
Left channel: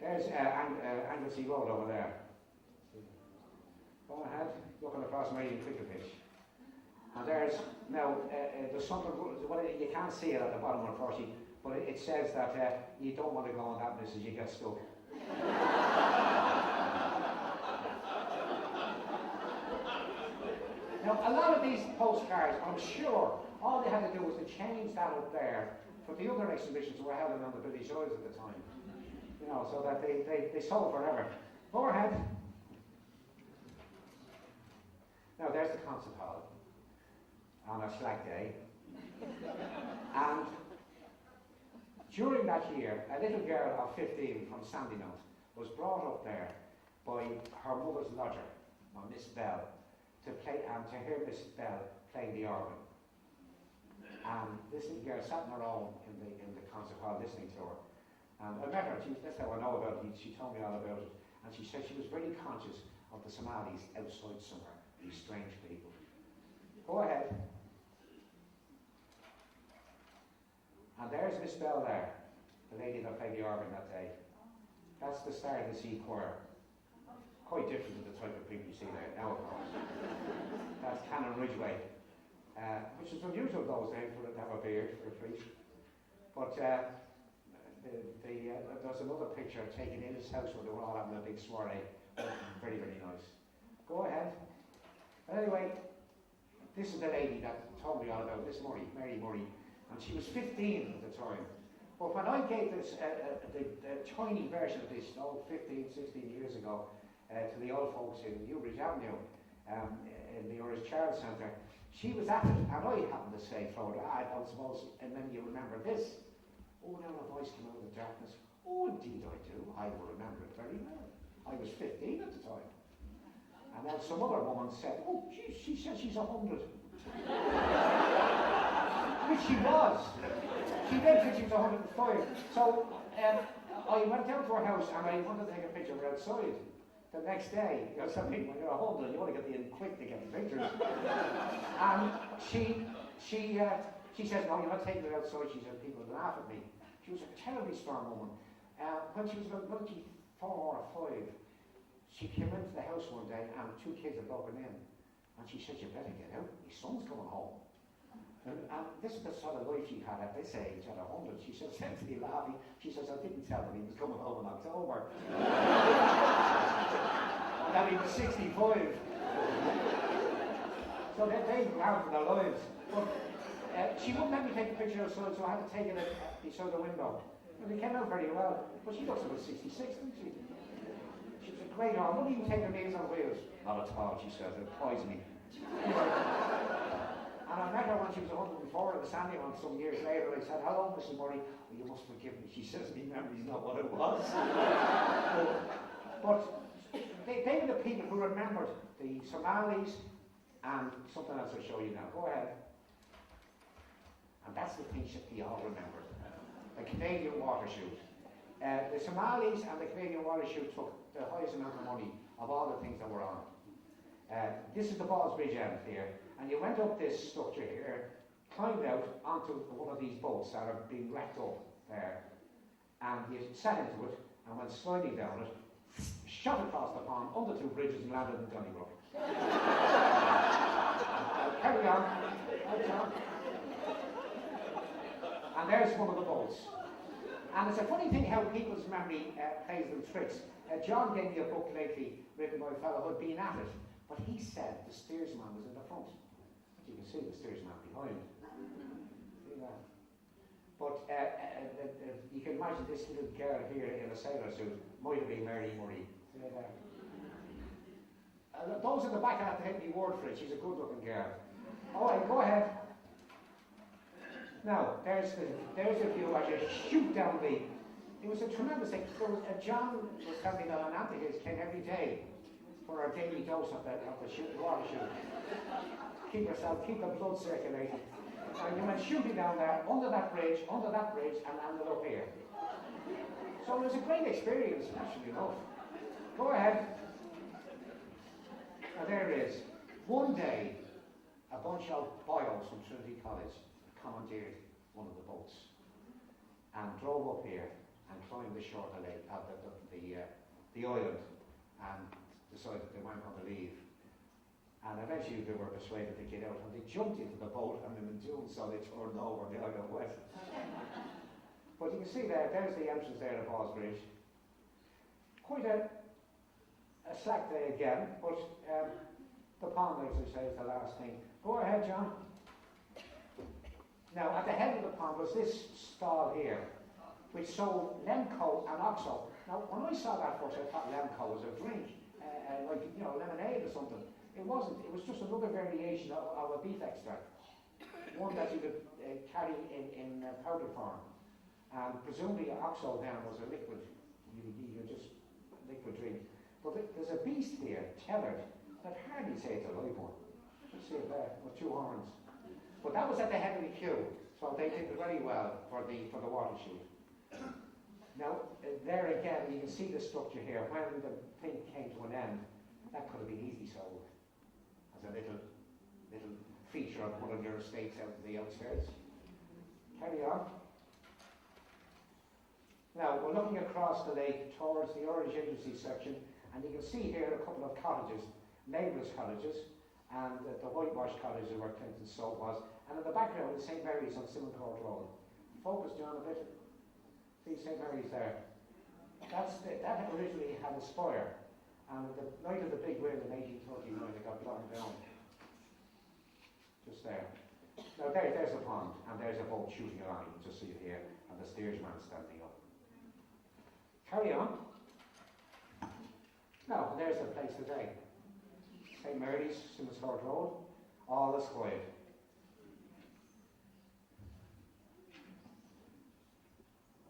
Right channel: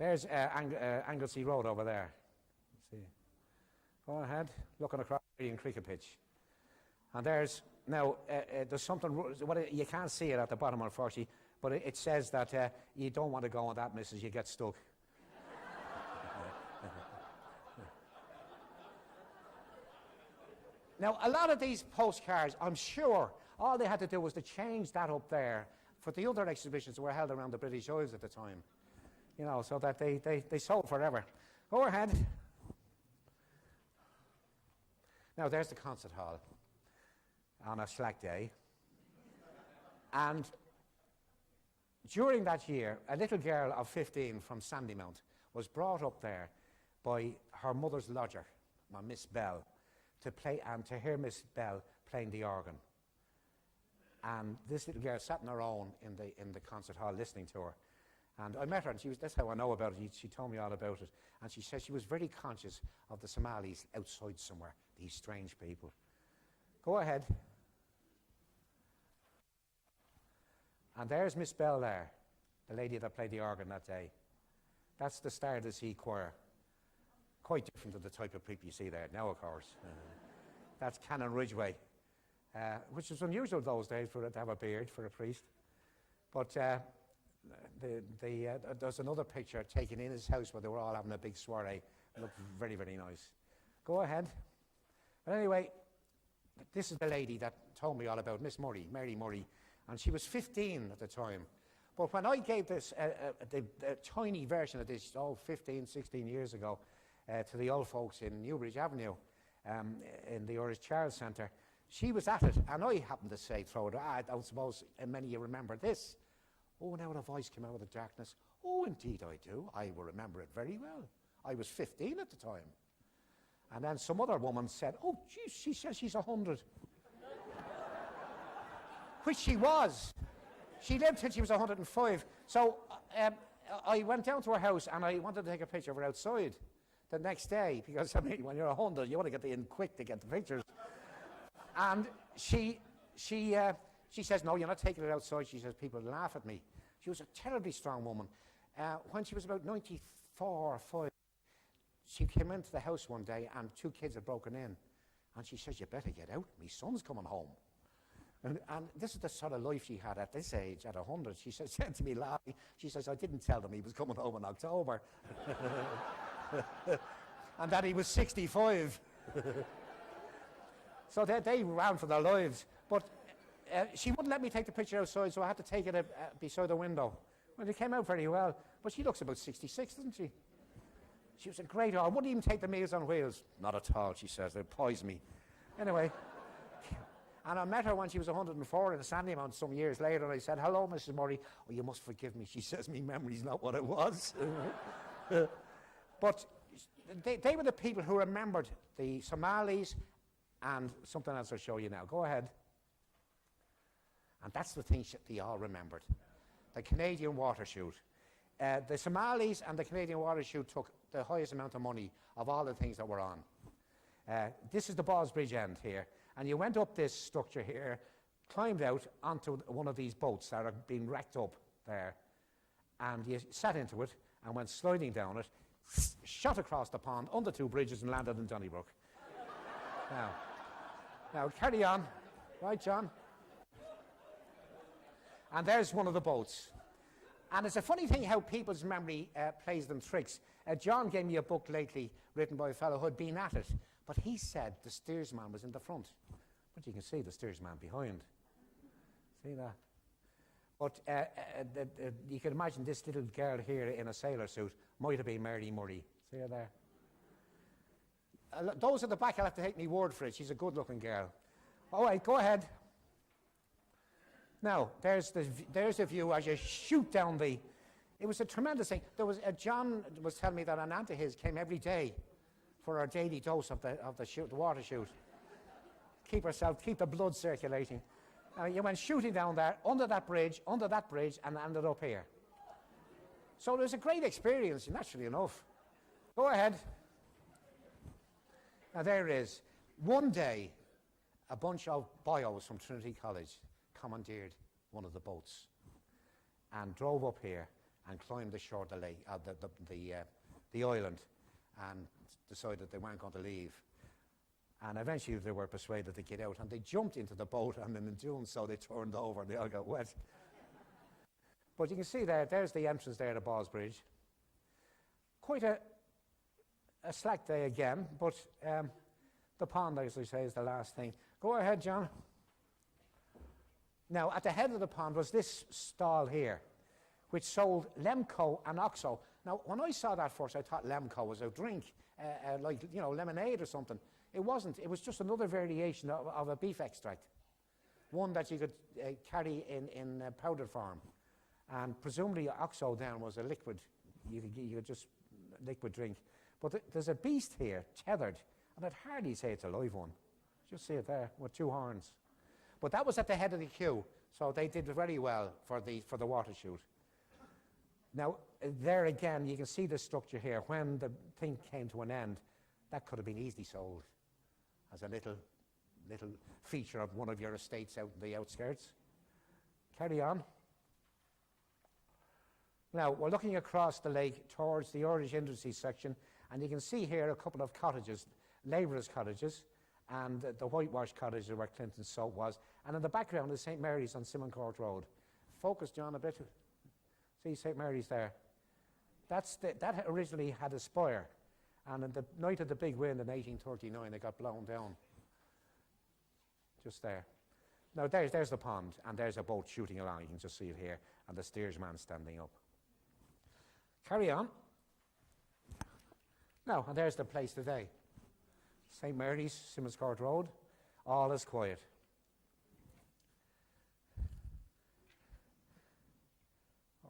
There's Anglesey Road over there. See. Go ahead, looking across Marion cricket pitch. And there's something, you can't see it at the bottom, unfortunately, but it says that you don't want to go on that, missus, you get stuck. Now, a lot of these postcards, I'm sure, all they had to do was to change that up there for the other exhibitions that were held around the British Isles at the time. You know, so that they sold forever. Go ahead. Now, there's the concert hall on a slack day. And during that year, a little girl of 15 from Sandymount was brought up there by her mother's lodger, Miss Bell, to hear Miss Bell playing the organ. And this little girl sat on her own in the concert hall listening to her. And I met her, and that's how I know about it. She told me all about it. And she said she was very conscious of the Somalis outside somewhere, these strange people. Go ahead. And there's Miss Bell there, the lady that played the organ that day. That's the Star of the Sea Choir. Quite different to the type of people you see there now, of course. That's Canon Ridgway, which was unusual those days for it to have a beard for a priest. But there's another picture taken in his house where they were all having a big soiree. Very, very nice. Go ahead. But anyway, this is the lady that told me all about Miss Murray, Mary Murray, and she was 15 at the time. But when I gave this, the tiny version of this, 15, 16 years ago, to the old folks in Newbridge Avenue, in the Irish Child Centre, she was at it, and I happened to say, throw it, I suppose many of you remember this. Oh, now the voice came out of the darkness. Oh, indeed I do. I will remember it very well. I was 15 at the time. And then some other woman said, oh, geez, she says she's 100. Which she was. She then said she was 105. So I went down to her house and I wanted to take a picture of her outside the next day, because I mean, when you're 100, you want to get in quick to get the pictures. And she says, no, you're not taking it outside. She says, people laugh at me. She was a terribly strong woman. When she was about 94 or 5, she came into the house one day and 2 kids had broken in. And she says, you better get out, my son's coming home. And this is the sort of life she had at this age, at 100. She said to me laughing, she says, I didn't tell him he was coming home in October. And that he was 65. So they ran for their lives. But she wouldn't let me take the picture outside, so I had to take it beside the window. And it came out very well. But she looks about 66, doesn't she? She was a great I wouldn't even take the Meals on Wheels. Not at all, she says, they'd poison me. Anyway. And I met her when she was 104 at the Sandymount some years later. I said, hello, Mrs. Murray. Oh, you must forgive me. She says, my memory's not what it was. But they were the people who remembered the Somalis and something else I'll show you now. Go ahead. And that's the thing that they all remembered. The Canadian water chute. The Somalis and the Canadian water chute took the highest amount of money of all the things that were on. This is the Ballsbridge end here. And you went up this structure here, climbed out onto one of these boats that are being wrecked up there, and you sat into it and went sliding down it, shot across the pond, under 2 bridges and landed in Donnybrook. Now carry on. Right, John? And there's one of the boats. And it's a funny thing how people's memory plays them tricks. John gave me a book lately written by a fellow who had been at it, but he said the steersman was in the front. But you can see the steersman behind. See that? But you can imagine this little girl here in a sailor suit might have been Mary Murray. See her there? Those at the back, I'll have to take me word for it. She's a good-looking girl. All right, go ahead. Now, there's the view as you shoot down the... It was a tremendous thing. There was John was telling me that an aunt of his came every day for her daily dose of the water chute. Keep the blood circulating. You went shooting down there, under that bridge, and ended up here. So it was a great experience, naturally enough. Go ahead. Now there it is. One day, a bunch of bios from Trinity College commandeered one of the boats and drove up here and climbed the shore of the lake, the island, and decided they weren't going to leave. And eventually they were persuaded to get out, and they jumped into the boat, and in doing so they turned over and they all got wet. But you can see there's the entrance there to Ballsbridge. Quite a slack day again, but the pond, as I say, is the last thing. Go ahead, John. Now, at the head of the pond was this stall here, which sold Lemco and Oxo. Now, when I saw that first, I thought Lemco was a drink, like, you know, lemonade or something. It wasn't. It was just another variation of a beef extract, one that you could carry in powder form. And presumably Oxo then was a liquid. You just liquid drink. But there's a beast here, tethered, and I'd hardly say it's a live one. Just see it there, with 2 horns. But that was at the head of the queue, so they did very well for the water chute. Now, there again, you can see the structure here. When the thing came to an end, that could have been easily sold as a little feature of one of your estates out in the outskirts. Carry on. Now, we're looking across the lake towards the Irish Industry section, and you can see here a couple of cottages, labourers' cottages, and the whitewashed cottages where Clinton's soap was. And in the background is St. Mary's on Simon Court Road. Focus, John, a bit. See St. Mary's there. That originally had a spire, and on the night of the big wind in 1839, it got blown down. Just there. Now there's the pond, and there's a boat shooting along. You can just see it here. and the steersman standing up. Carry on. Now, there's the place today. St. Mary's, Simmons Court Road, all is quiet.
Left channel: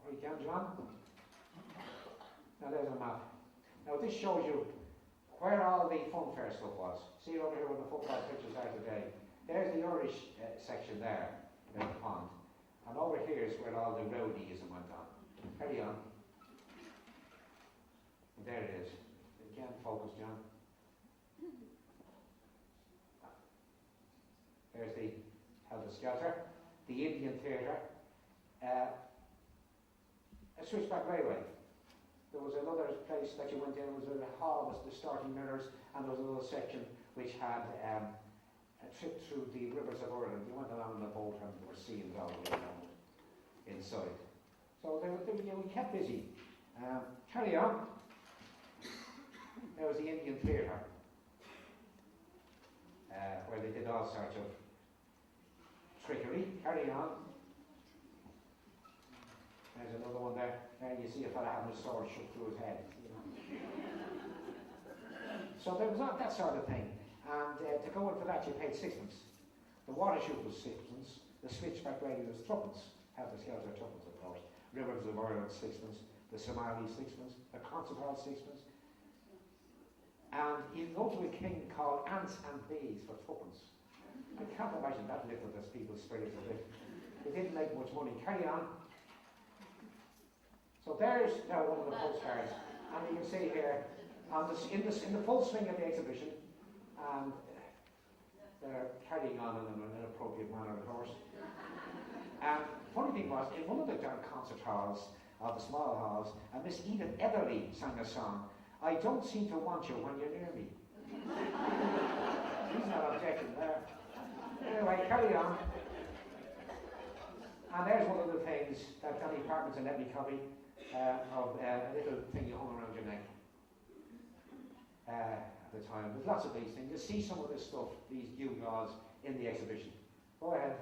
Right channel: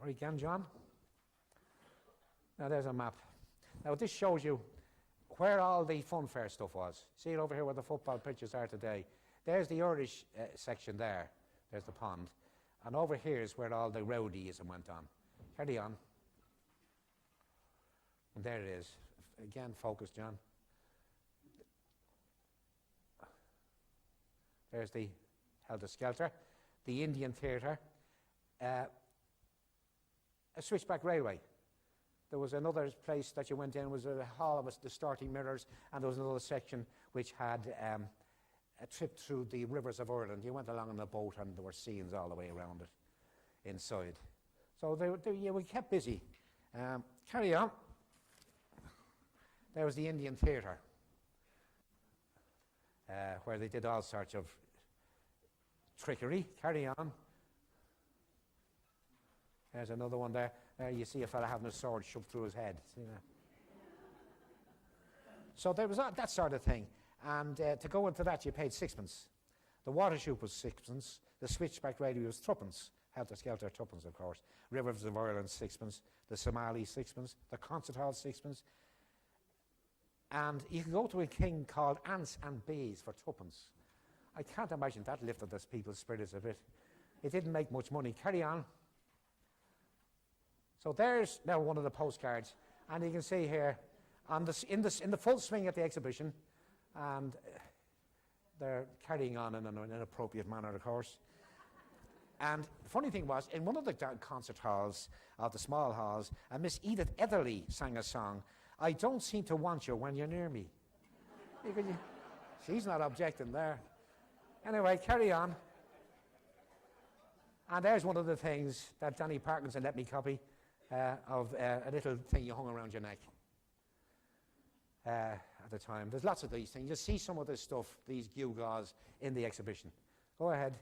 All right, can, John? Now there's a map. Now this shows you where all the funfair stuff was. See over here where the football pitches are today. There's the Irish section there. There's the pond. And over here is where all the rowdyism went on. Carry on. And there it is. Again, focus, John. There's the Helter Skelter, the Indian Theatre, a switchback railway. There was another place that you went in, it was a hall with distorting mirrors, and there was another section which had a trip through the rivers of Ireland. You went along in a boat and there were scenes all the way around it, inside. So we kept busy. Carry on. There was the Indian Theatre, where they did all sorts of trickery. Carry on. There's another one there. There you see a fella having a sword shoved through his head. See that? So there was that sort of thing. And to go into that, you paid sixpence. The water chute was sixpence. The switchback radio was threepence. Helter Skelter tuppence, of course. Rivers of Ireland, sixpence. The Somali, sixpence. The concert hall, sixpence. And you could go to a king called Ants and Bees for tuppence. I can't imagine that lifted those people's spirits a bit. It didn't make much money. Carry on. So there's now one of the postcards, and you can see here, in the full swing of the exhibition, and they're carrying on in an inappropriate manner, of course. And the funny thing was, in one of the concert halls, of the small halls, Miss Edith Etherly sang a song, "I don't seem to want you when you're near me." She's not objecting there. Anyway, carry on. And there's one of the things that Danny Parkinson let me copy of a little thing you hung around your neck at the time. There's lots of these things. Just see some of this stuff, these gewgaws in the exhibition. Go ahead.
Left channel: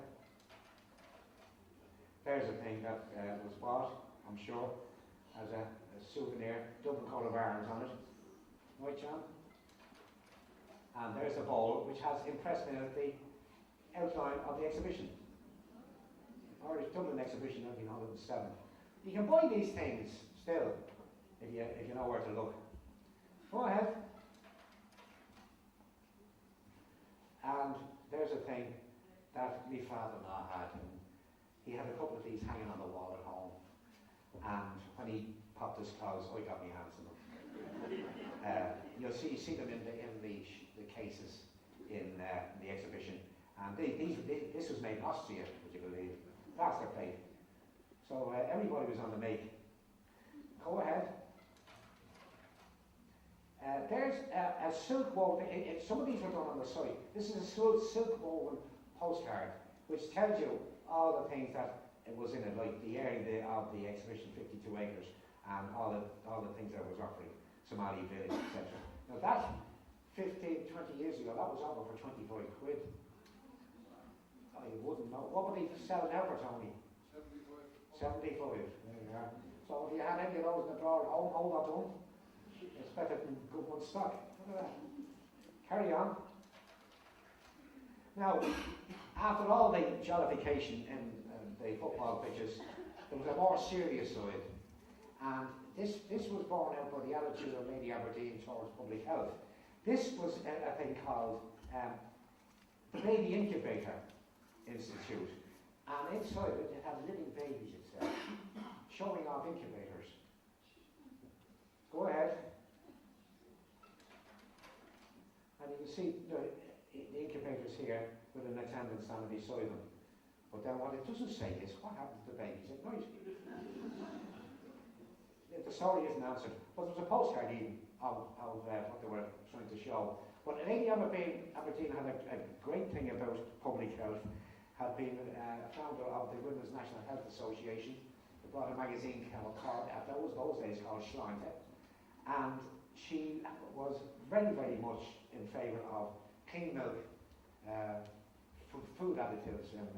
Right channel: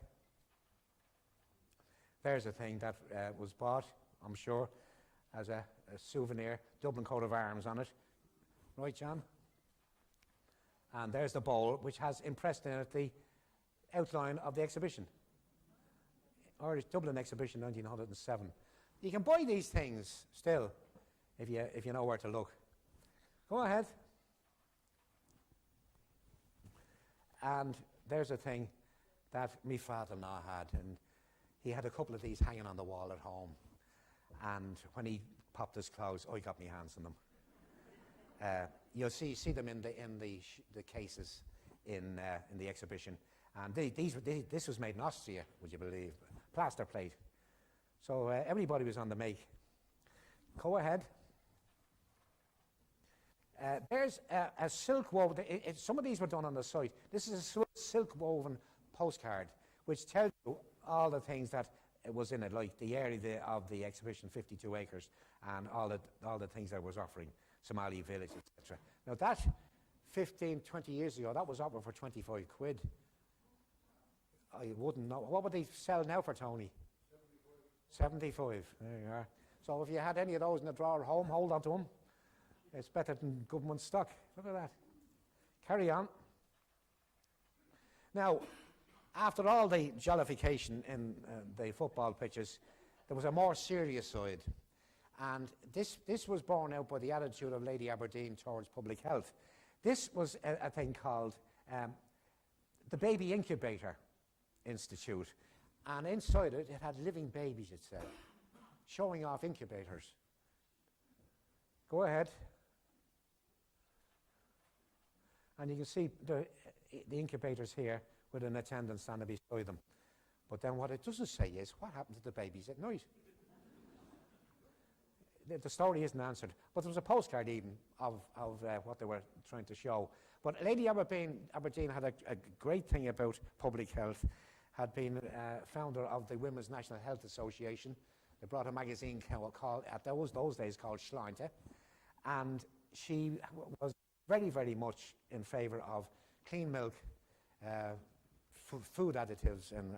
There's a thing that was bought, I'm sure, as a souvenir, Dublin coat of arms on it. Right, John? And there's the bowl, which has impressed in it the outline of the exhibition. Irish Dublin Exhibition 1907. You can buy these things still, if you know where to look. Go ahead. And there's a thing that my father-in-law had, and he had a couple of these hanging on the wall at home. And when he popped his clothes, I got my hands on them. You'll see them in the cases in the exhibition. And this was made in Austria, would you believe? Plaster plate. So everybody was on the make. Go ahead. There's a silk woven, some of these were done on the site. This is a silk woven postcard which tells you all the things that was in it, like the area of the exhibition, 52 acres, and all the things that it was offering, Somali village, etc. Now that 15, 20 years ago, that was offered for 25 quid. I wouldn't know. What would they sell now for, Tony? 75. There you are. So if you had any of those in the drawer at home, hold on to them. It's better than government stock. Look at that. Carry on. Now, after all the jollification in the football pitches, there was a more serious side. And this was borne out by the attitude of Lady Aberdeen towards public health. This was a thing called the Baby Incubator Institute. And inside it, it had living babies, it said, showing off incubators. Go ahead. And you can see the incubators here with an attendant standing beside them. But then what it doesn't say is what happened to the babies at night. The story isn't answered, but there was a postcard even of what they were trying to show. But Lady Aberdeen had a great thing about public health, had been founder of the Women's National Health Association. They brought a magazine called, at those days, called Schleinte. And she was very, very much in favour of clean milk, food additives and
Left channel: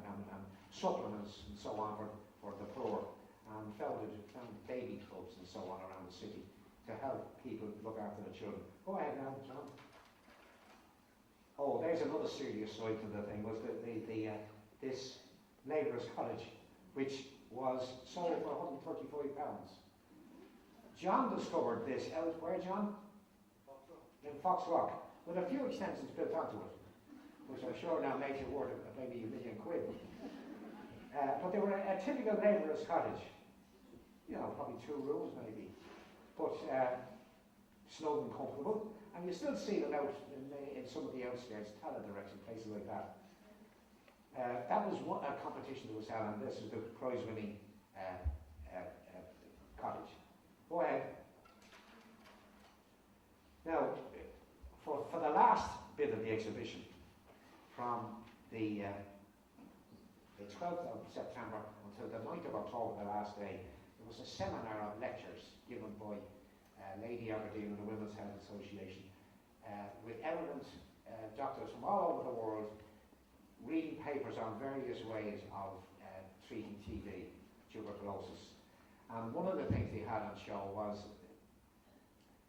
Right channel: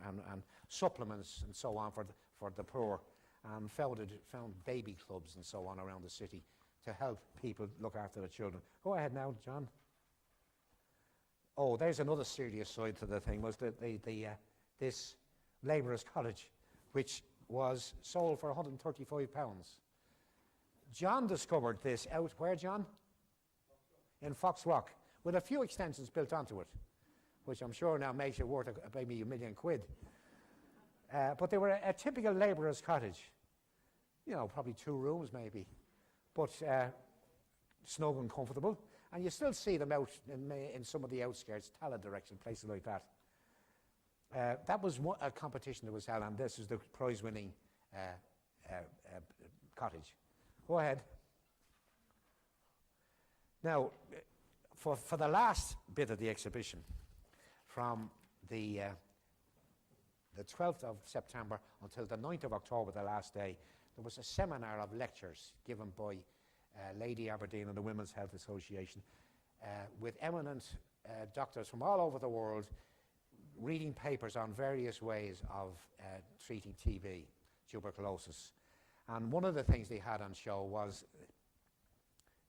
supplements and so on for the poor. and founded baby clubs and so on around the city to help people look after their children. Go ahead now, John. Oh, there's another serious side to the thing, was this labourer's cottage, which was sold for £135. John discovered this out, where, John? In Foxrock, with a few extensions built onto it, which I'm sure now makes it worth maybe £1 million. But they were a typical labourer's cottage. You know, probably 2 rooms maybe, but snug and comfortable. And you still see them out in some of the outskirts, Tala direction, places like that. That was a competition that was held, and this is the prize-winning cottage. Go ahead. Now, for the last bit of the exhibition, from the 12th of September until the 9th of October, the last day, there was a seminar of lectures given by Lady Aberdeen and the Women's Health Association with eminent doctors from all over the world reading papers on various ways of treating TB, tuberculosis. And one of the things they had on show was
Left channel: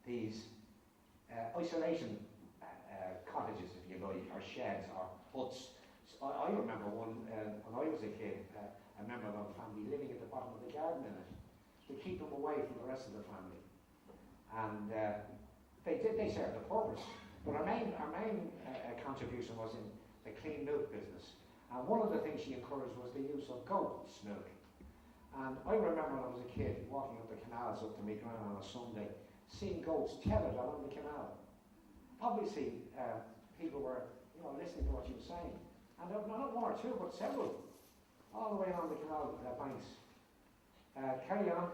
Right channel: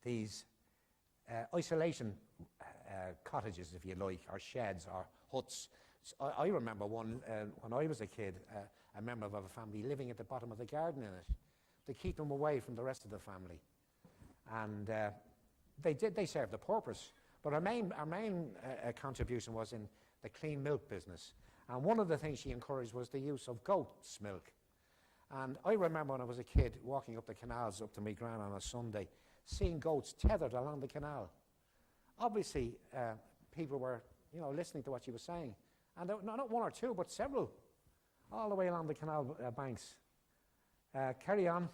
these isolation cottages, if you like, or sheds or huts. So I remember one when I was a kid, a member of a family living at the bottom of the garden in it to keep them away from the rest of the family. And they served a purpose. But our main contribution was in the clean milk business. And one of the things she encouraged was the use of goat's milk. And I remember when I was a kid walking up the canals up to my gran on a Sunday, seeing goats tethered along the canal. Obviously, people were, listening to what she was saying. And there were not 1 or 2, but several, all the way along the canal banks. Carry on.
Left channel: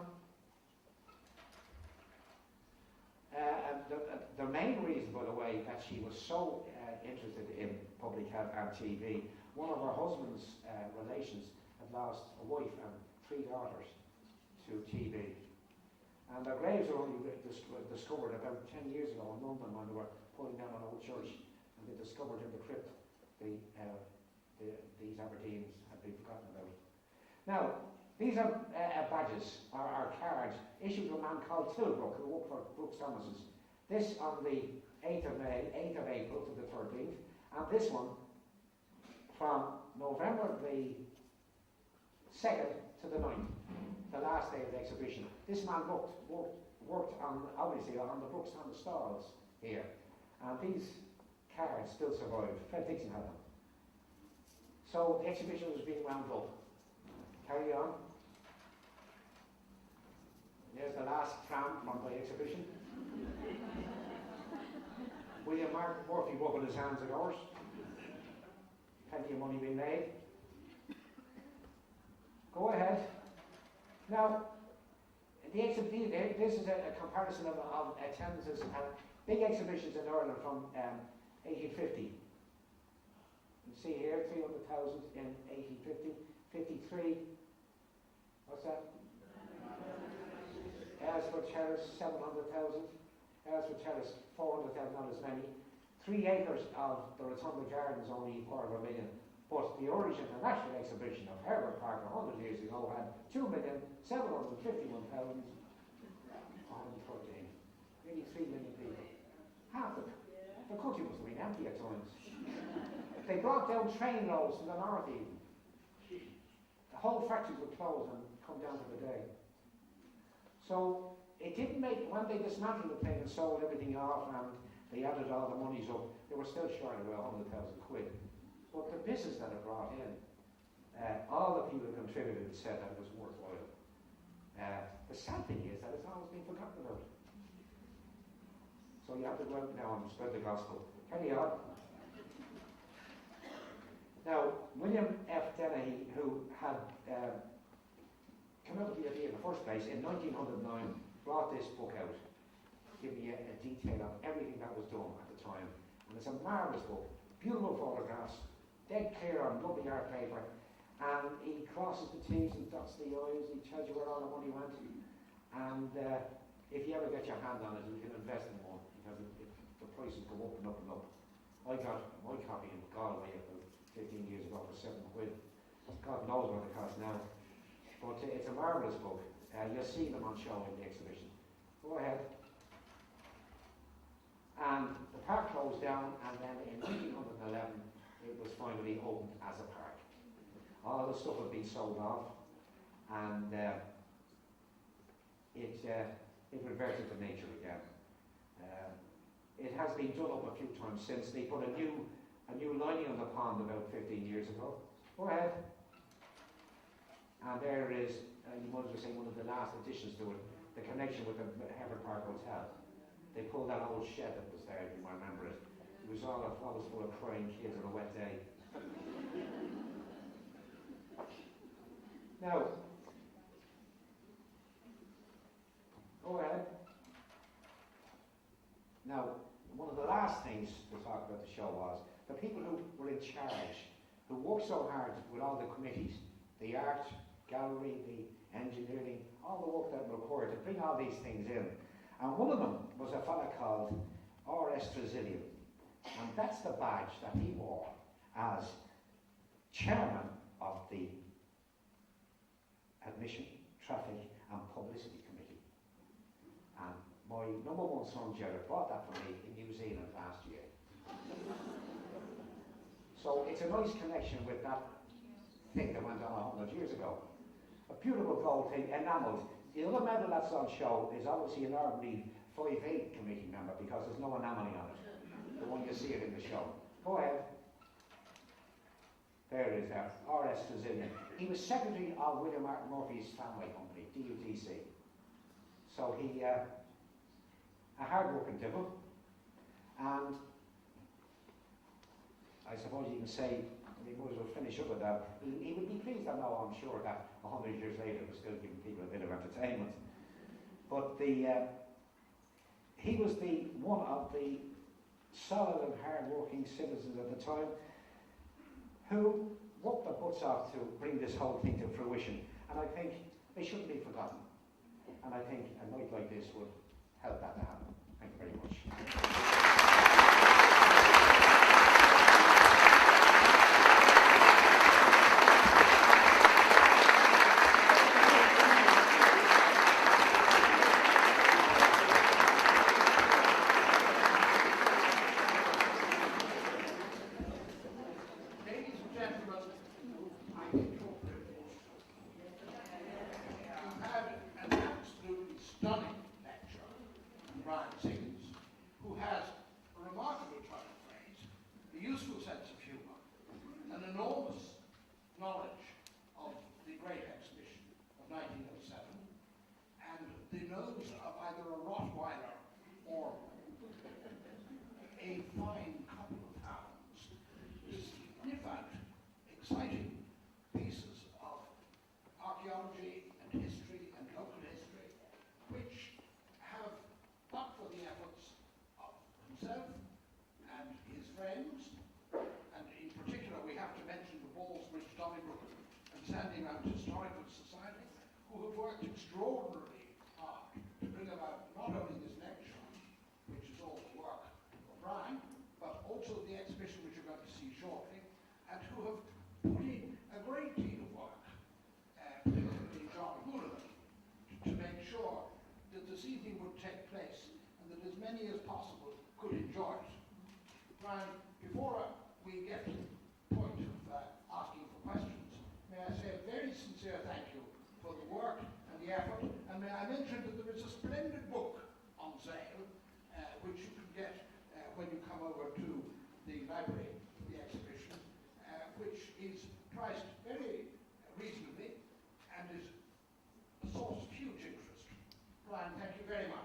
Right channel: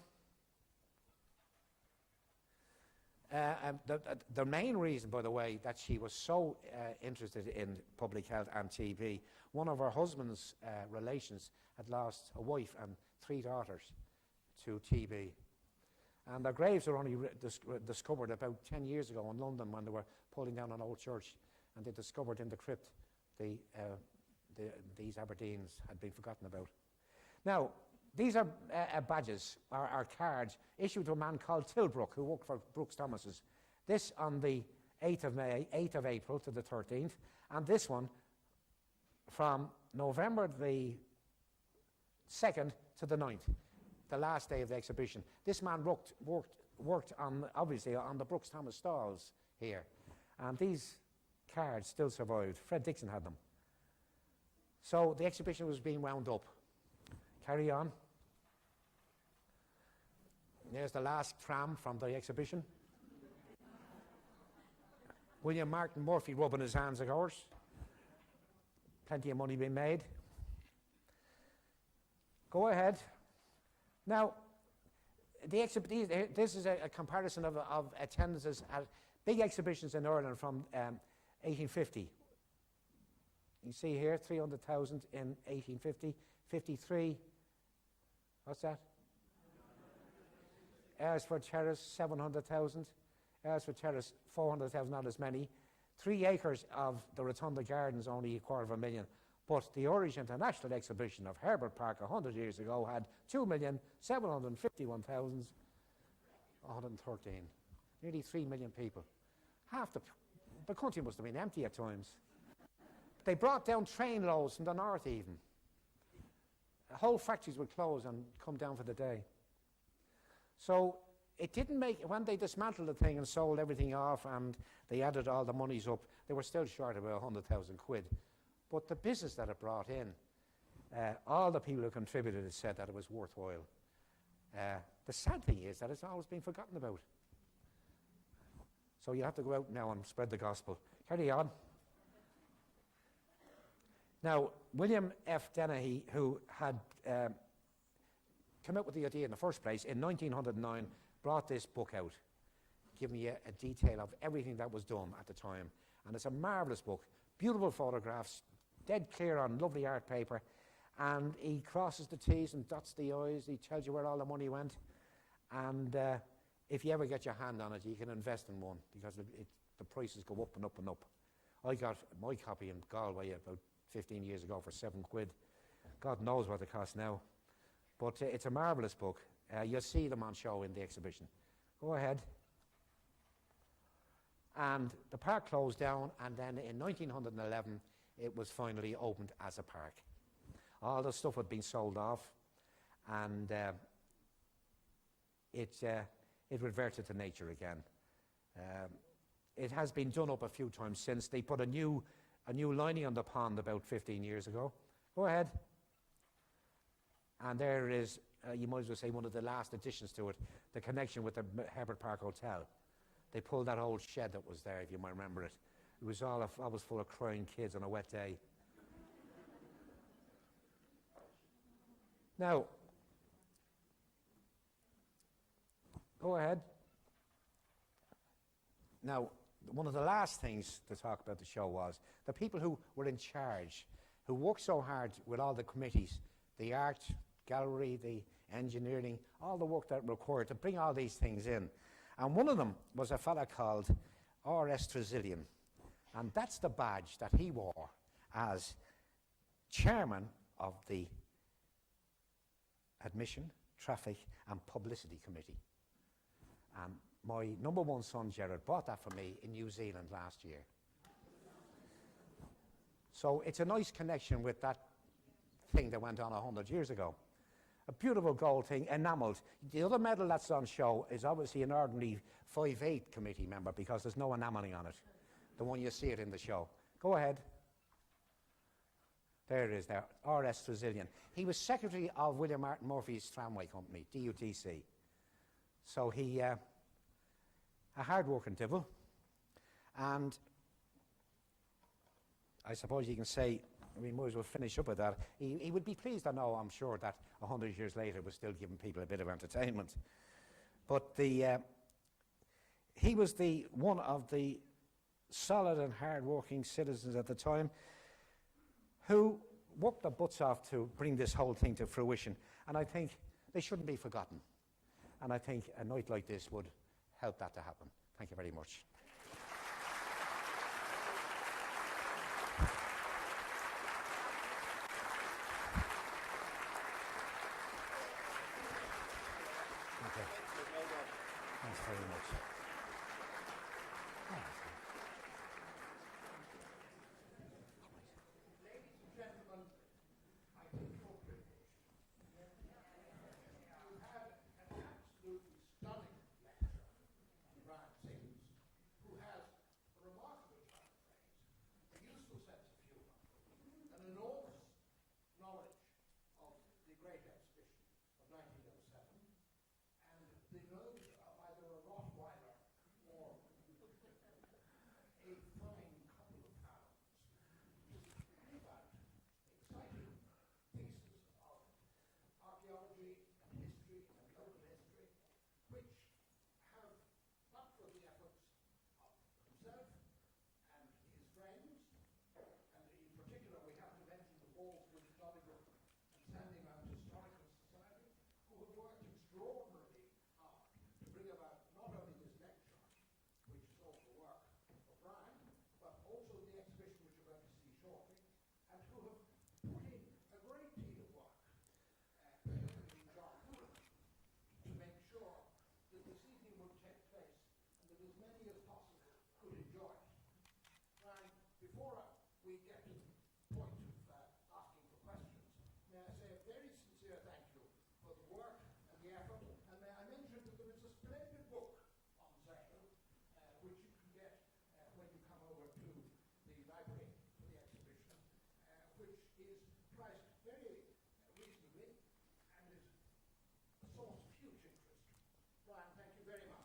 The main reason, by the way, that she was so interested in public health and TB, one of her husband's relations had lost a wife and 3 daughters to TB. And their graves were only discovered about 10 years ago in London when they were pulling down an old church, and they discovered in the crypt these Aberdeens had been forgotten about. Now, these are badges, or cards, issued to a man called Tilbrook, who worked for Brooks Thomas's. This on the 8th of April to the 13th, and this one from November the 2nd to the 9th, the last day of the exhibition. This man worked on, obviously, on the Brooks Thomas stalls here, and these cards still survived. Fred Dixon had them. So the exhibition was being wound up. Carry on. There's the last tram from the exhibition. William Martin Murphy rubbing his hands, of course. Plenty of money being made. Go ahead. Now, this is a comparison of attendances at big exhibitions in Ireland from 1850. You see here, 300,000 in 1850, 53, what's that? Aylesford Terrace, 700,000. Aylesford Terrace, 400,000, not as many. 3 acres of the Rotunda Gardens, only $250,000. But the Irish International Exhibition of Herbert Park 100 years ago had 2,751,113. Nearly 3 million people. Half the country must have been empty at times. They brought down train loads from the north even. The whole factories would close and come down for the day. So it didn't make, when they dismantled the thing and sold everything off and they added all the monies up, they were still short of about 100,000 quid. But the business that it brought in, all the people who contributed said that it was worthwhile. The sad thing is that it's always been forgotten about. So you have to go out now and spread the gospel. Carry on. Now, William F. Dennehy, who had come up with the idea in the first place, in 1909, brought this book out, giving you a detail of everything that was done at the time. And it's a marvellous book, beautiful photographs, dead clear on lovely art paper, and he crosses the T's and dots the I's, he tells you where all the money went, and if you ever get your hand on it, you can invest in one, because the prices go up and up and up. I got my copy in Galway about 15 years ago for £7. God knows what it costs now. But it's a marvellous book. You'll see them on show in the exhibition. Go ahead. And the park closed down, and then in 1911 it was finally opened as a park. All the stuff had been sold off, and it reverted to nature again. It has been done up a few times since. They put a new lining on the pond about 15 years ago. Go ahead. And there it is, you might as well say one of the last additions to it, the connection with the Herbert Park Hotel. They pulled that old shed that was there, if you might remember it. It was always full of crying kids on a wet day. Now, go ahead. Now, one of the last things to talk about the show was the people who were in charge, who worked so hard with all the committees, the art gallery, the engineering, all the work that required to bring all these things in. And one of them was a fella called R.S. Tresilian. And that's the badge that he wore as chairman of the Admission, Traffic and Publicity Committee. And my number one son, Gerard, bought that for me in New Zealand last year. So it's a nice connection with that thing that went on 100 years ago. A beautiful gold thing, enamelled. The other medal that's on show is obviously an ordinary 5/8 committee member because there's no enamelling on it. The one you see it in the show. Go ahead. There it is there, R.S. Tresilian. He was secretary of William Martin Murphy's Tramway Company, DUTC. So he, a hard-working devil. And I suppose you can say, we might as well finish up with that. He would be pleased, I know, I'm sure, that 100 years later we're still giving people a bit of entertainment. But he was one of the solid and hard-working citizens at the time who worked their butts off to bring this whole thing to fruition. And I think they shouldn't be forgotten. And I think a night like this would help that to happen. Thank you very much. Siggins, who has a remarkable turn of phrase, a useful sense of humour, an enormous knowledge of the great exhibition of 1907, and the nose of either a Rottweiler or a fine couple of hounds to sniff out exciting pieces of archaeology and history and local history, which have, but for the efforts of himself and his friends, and in particular we have to mention the Ballsbridge, Donnybrook and Sandymount Historical Society, who have worked extraordinarily hard to bring about not only this lecture, which is all the work of Brian, but also the exhibition which you're going to see shortly, and who have put in a great deal of work, particularly John Houlihan, to make sure that this evening would take place and that as many as possible could enjoy it. Brian, before we get to the point of asking for questions, may I say a very sincere thank you for the work and the effort, and may I mention that there is a splendid book on sale which you can get when you come over to the library for the exhibition, which is priced very reasonably and is a source of huge interest. Brian, thank you very much.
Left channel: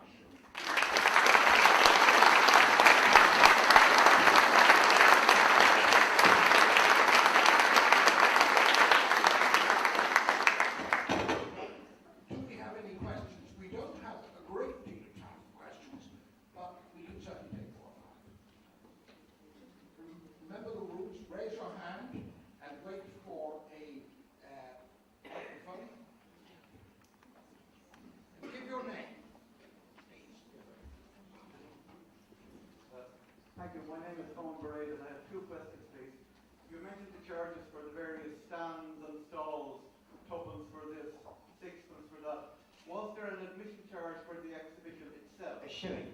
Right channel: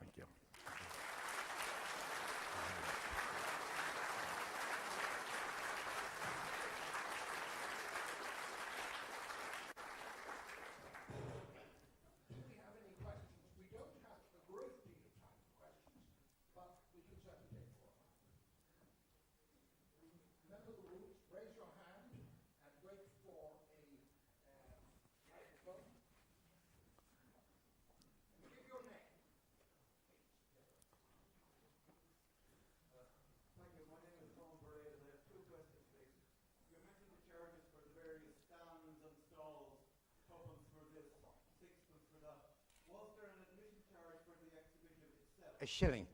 Do we have any questions? We don't have a great deal of time for questions, but we can certainly take 4 or 5. Remember the rules, raise your hand and wait for a microphone. And give your name, please. Thank you. My name is Tom Braid, and I have 2 questions, please. You mentioned the charges for the various stands and stalls, tuppence for this, Was there an admission charge for the exhibition itself? A shilling.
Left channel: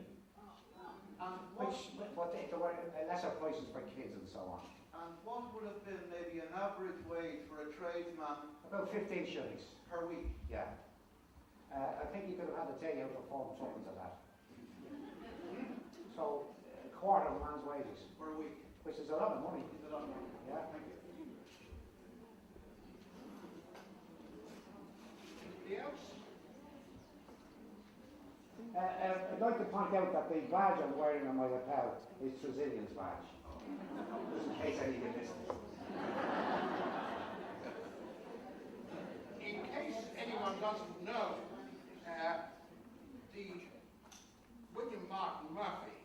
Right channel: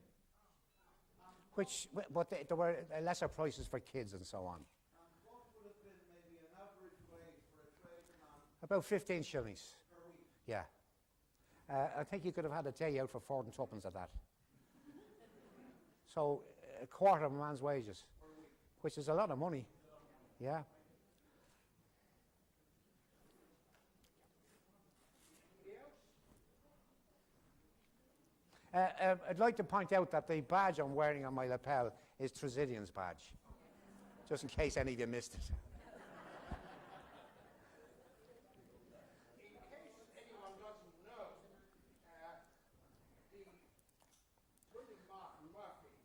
And But there were lesser prices for kids and so on. and what would have been maybe an average wage for a tradesman About 15 shillings, per week? yeah. I think he could have had a day out for 4 and tuppence at that. So, a quarter of a man's wages, Per week. which is a lot of money, Is it on? yeah. Thank you. Anybody else? I'd like to point out that the badge I'm wearing on my lapel is Siggins badge, just in case any of you missed it. In case anyone doesn't know, the William Martin Murphy,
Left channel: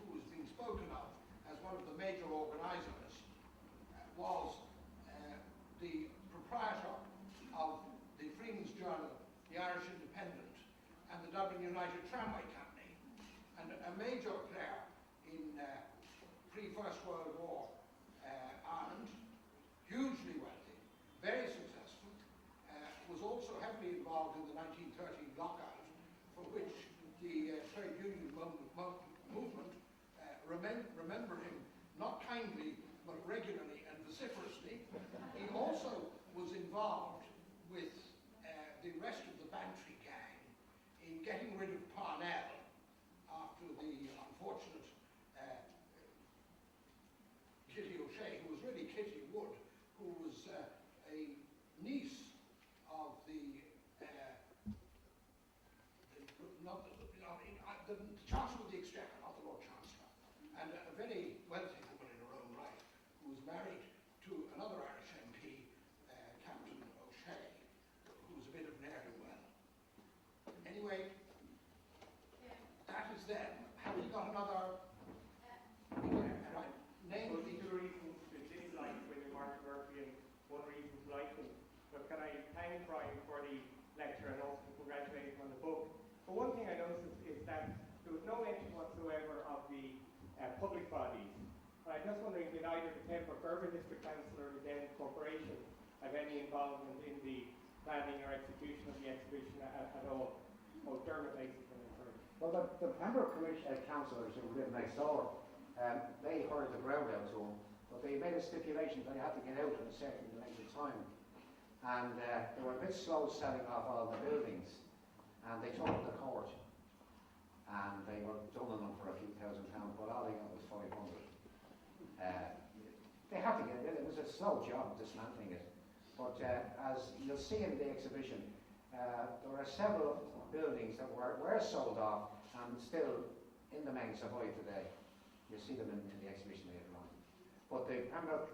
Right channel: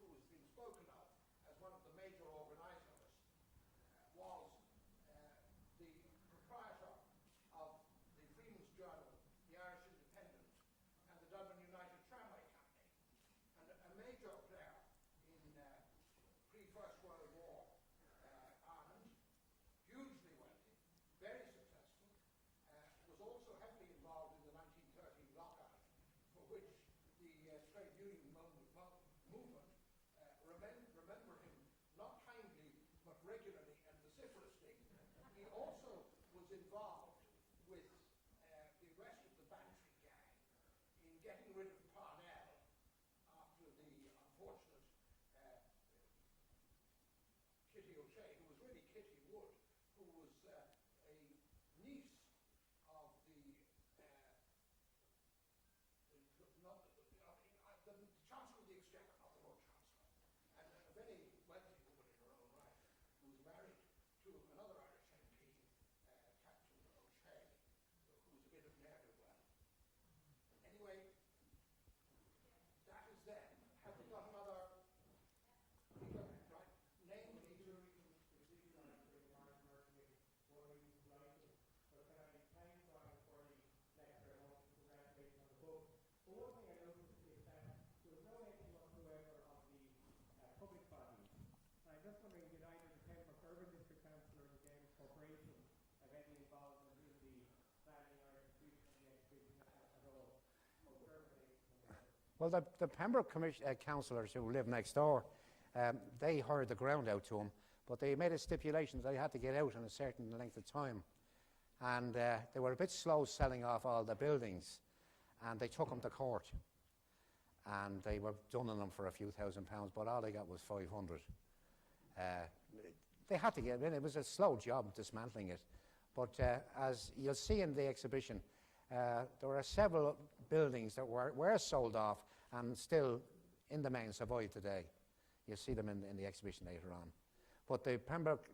who has been spoken of as one of the major organisers, was the proprietor of the Freeman's Journal, the Irish Independent, and the Dublin United Tramway Company, and a major player in pre-First World War Ireland, hugely wealthy, very successful, was also heavily involved in the 1913 lockout, for which the trade union movement remember him not kindly but regularly and vociferously. He also was involved with the rest of the Bantry gang in getting rid of Parnell after the unfortunate Kitty O'Shea, who was really Kitty Wood, who was a niece of the Chancellor of the Exchequer, not the Lord Chancellor, and a very wealthy woman in her own right, who was married to another Irish MP, Captain O'Shea, who was a bit of an ne'er-do-well. Anyway, that is them. Have we got another? Right. Name Well, of these the are reasons to dislike William Martin Murphy and one reason to like him. But can I thank Brian for the lecture and also congratulate him on the book? But one thing I noticed is that there was no mention whatsoever of the public bodies. And I'm just wondering, did either the Temple Urban District Council or the Den Corporation have any involvement in the planning or execution of the exhibition at all? Oh, Dermot makes it an Well, the Pembroke councillors who live next door, they hired the ground out to them, but they made a stipulation that they had to get out in a certain length of time. And they were a bit slow selling off all the buildings, and they took them to court. And they were dunning them for a few £1,000, but all they got was 500. They had to get rid of it. It was a slow job dismantling it. But as you'll see in the exhibition, there were several buildings that were sold off and still in the main survive today. You'll see them in the exhibition later on. But the Pembroke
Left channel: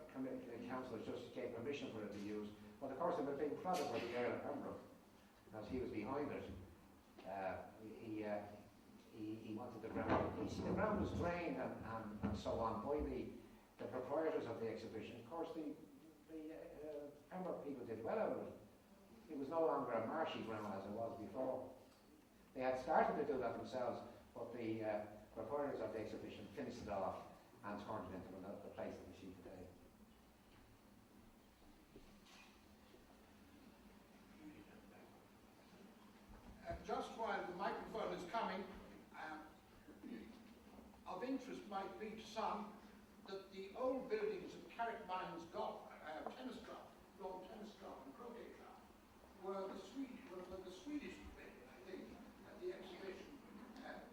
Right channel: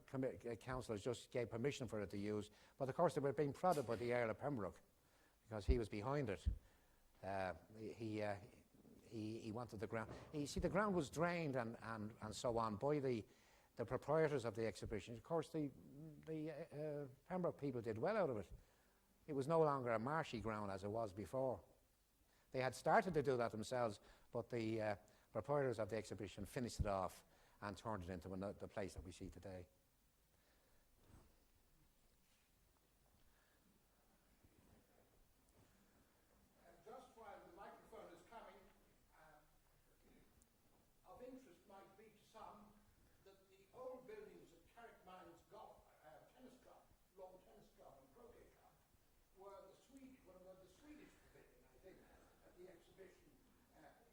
councillors just gave permission for it to use. But of course they were being prodded by the Earl of Pembroke because he was behind it. He wanted the ground. You see, the ground was drained and so on by the proprietors of the exhibition. Of course, the Pembroke people did well out of it. It was no longer a marshy ground as it was before. They had started to do that themselves, but the proprietors of the exhibition finished it off and turned it into the place that we see today. Just while the microphone is coming, of interest might be to some that the old buildings of Carrickmines Golf Tennis Club, Lawn Tennis Club and Croquet Club were the Swedish pavilion, I think, at the exhibition.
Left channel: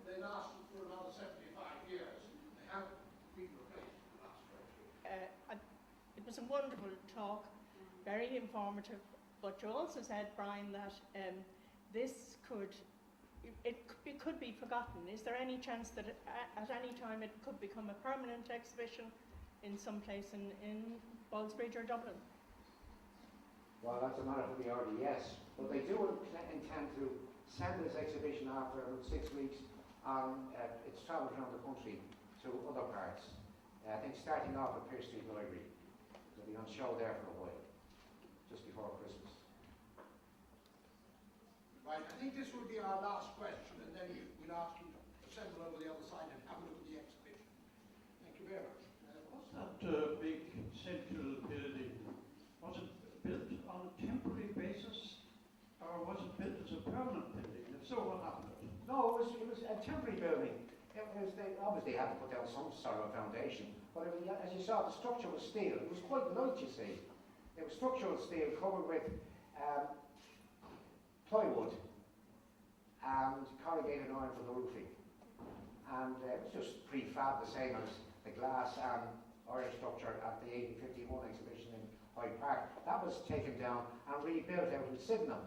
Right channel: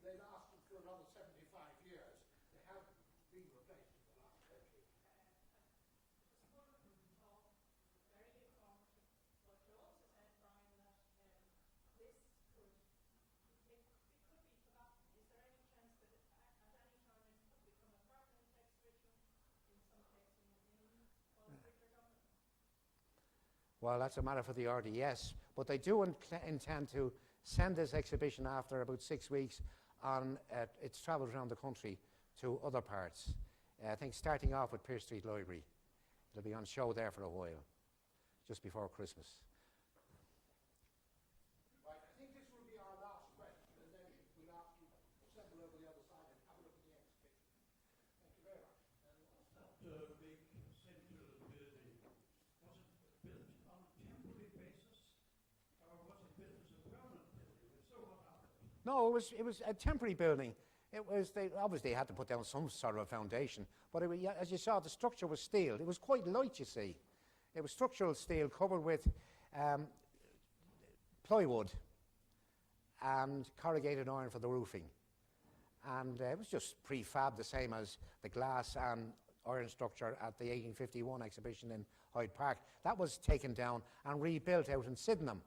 They lasted for another 75 years. They haven't been replaced in the last 20. It was a wonderful talk, very informative, but you also said, Brian, that this could be forgotten. Is there any chance that at any time it could become a permanent exhibition in some place in Ballsbridge or Dublin? Well, that's a matter for the RDS, but they do intend to send this exhibition after about 6 weeks on its travels around the country to other parts. I think starting off at Pearse Street Library. It'll be on show there for a while, just before Christmas. Right, I think this will be our last question, and then we'll ask you to assemble over the other side and have a look at the exhibition. Thank you very much. What's that big central building? Was it built on a temporary basis, or was it built as a So what happened? No, it was a temporary building. It was, they obviously had to put down some sort of foundation, but it was, as you saw, the structure was steel. It was quite light, you see. It was structural steel covered with plywood and corrugated iron for the roofing. And it was just prefab, the same as the glass and iron structure at the 1851 exhibition in Hyde Park. That was taken down and rebuilt out in Sydenham.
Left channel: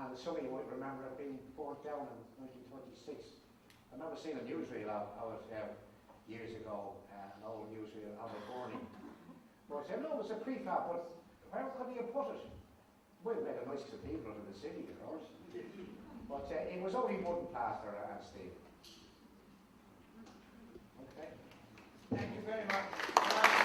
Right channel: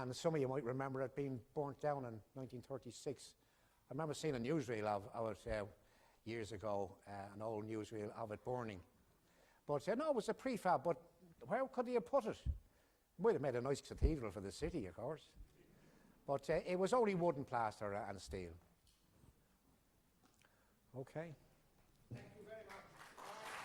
And some of you might remember it being burnt down in 1936. I remember seeing a newsreel of it years ago, an old newsreel of it burning. But no, it was a prefab, but where could he have put it? Might have made a nice cathedral for the city, of course. But it was only wooden plaster and steel. Okay. Thank you very much.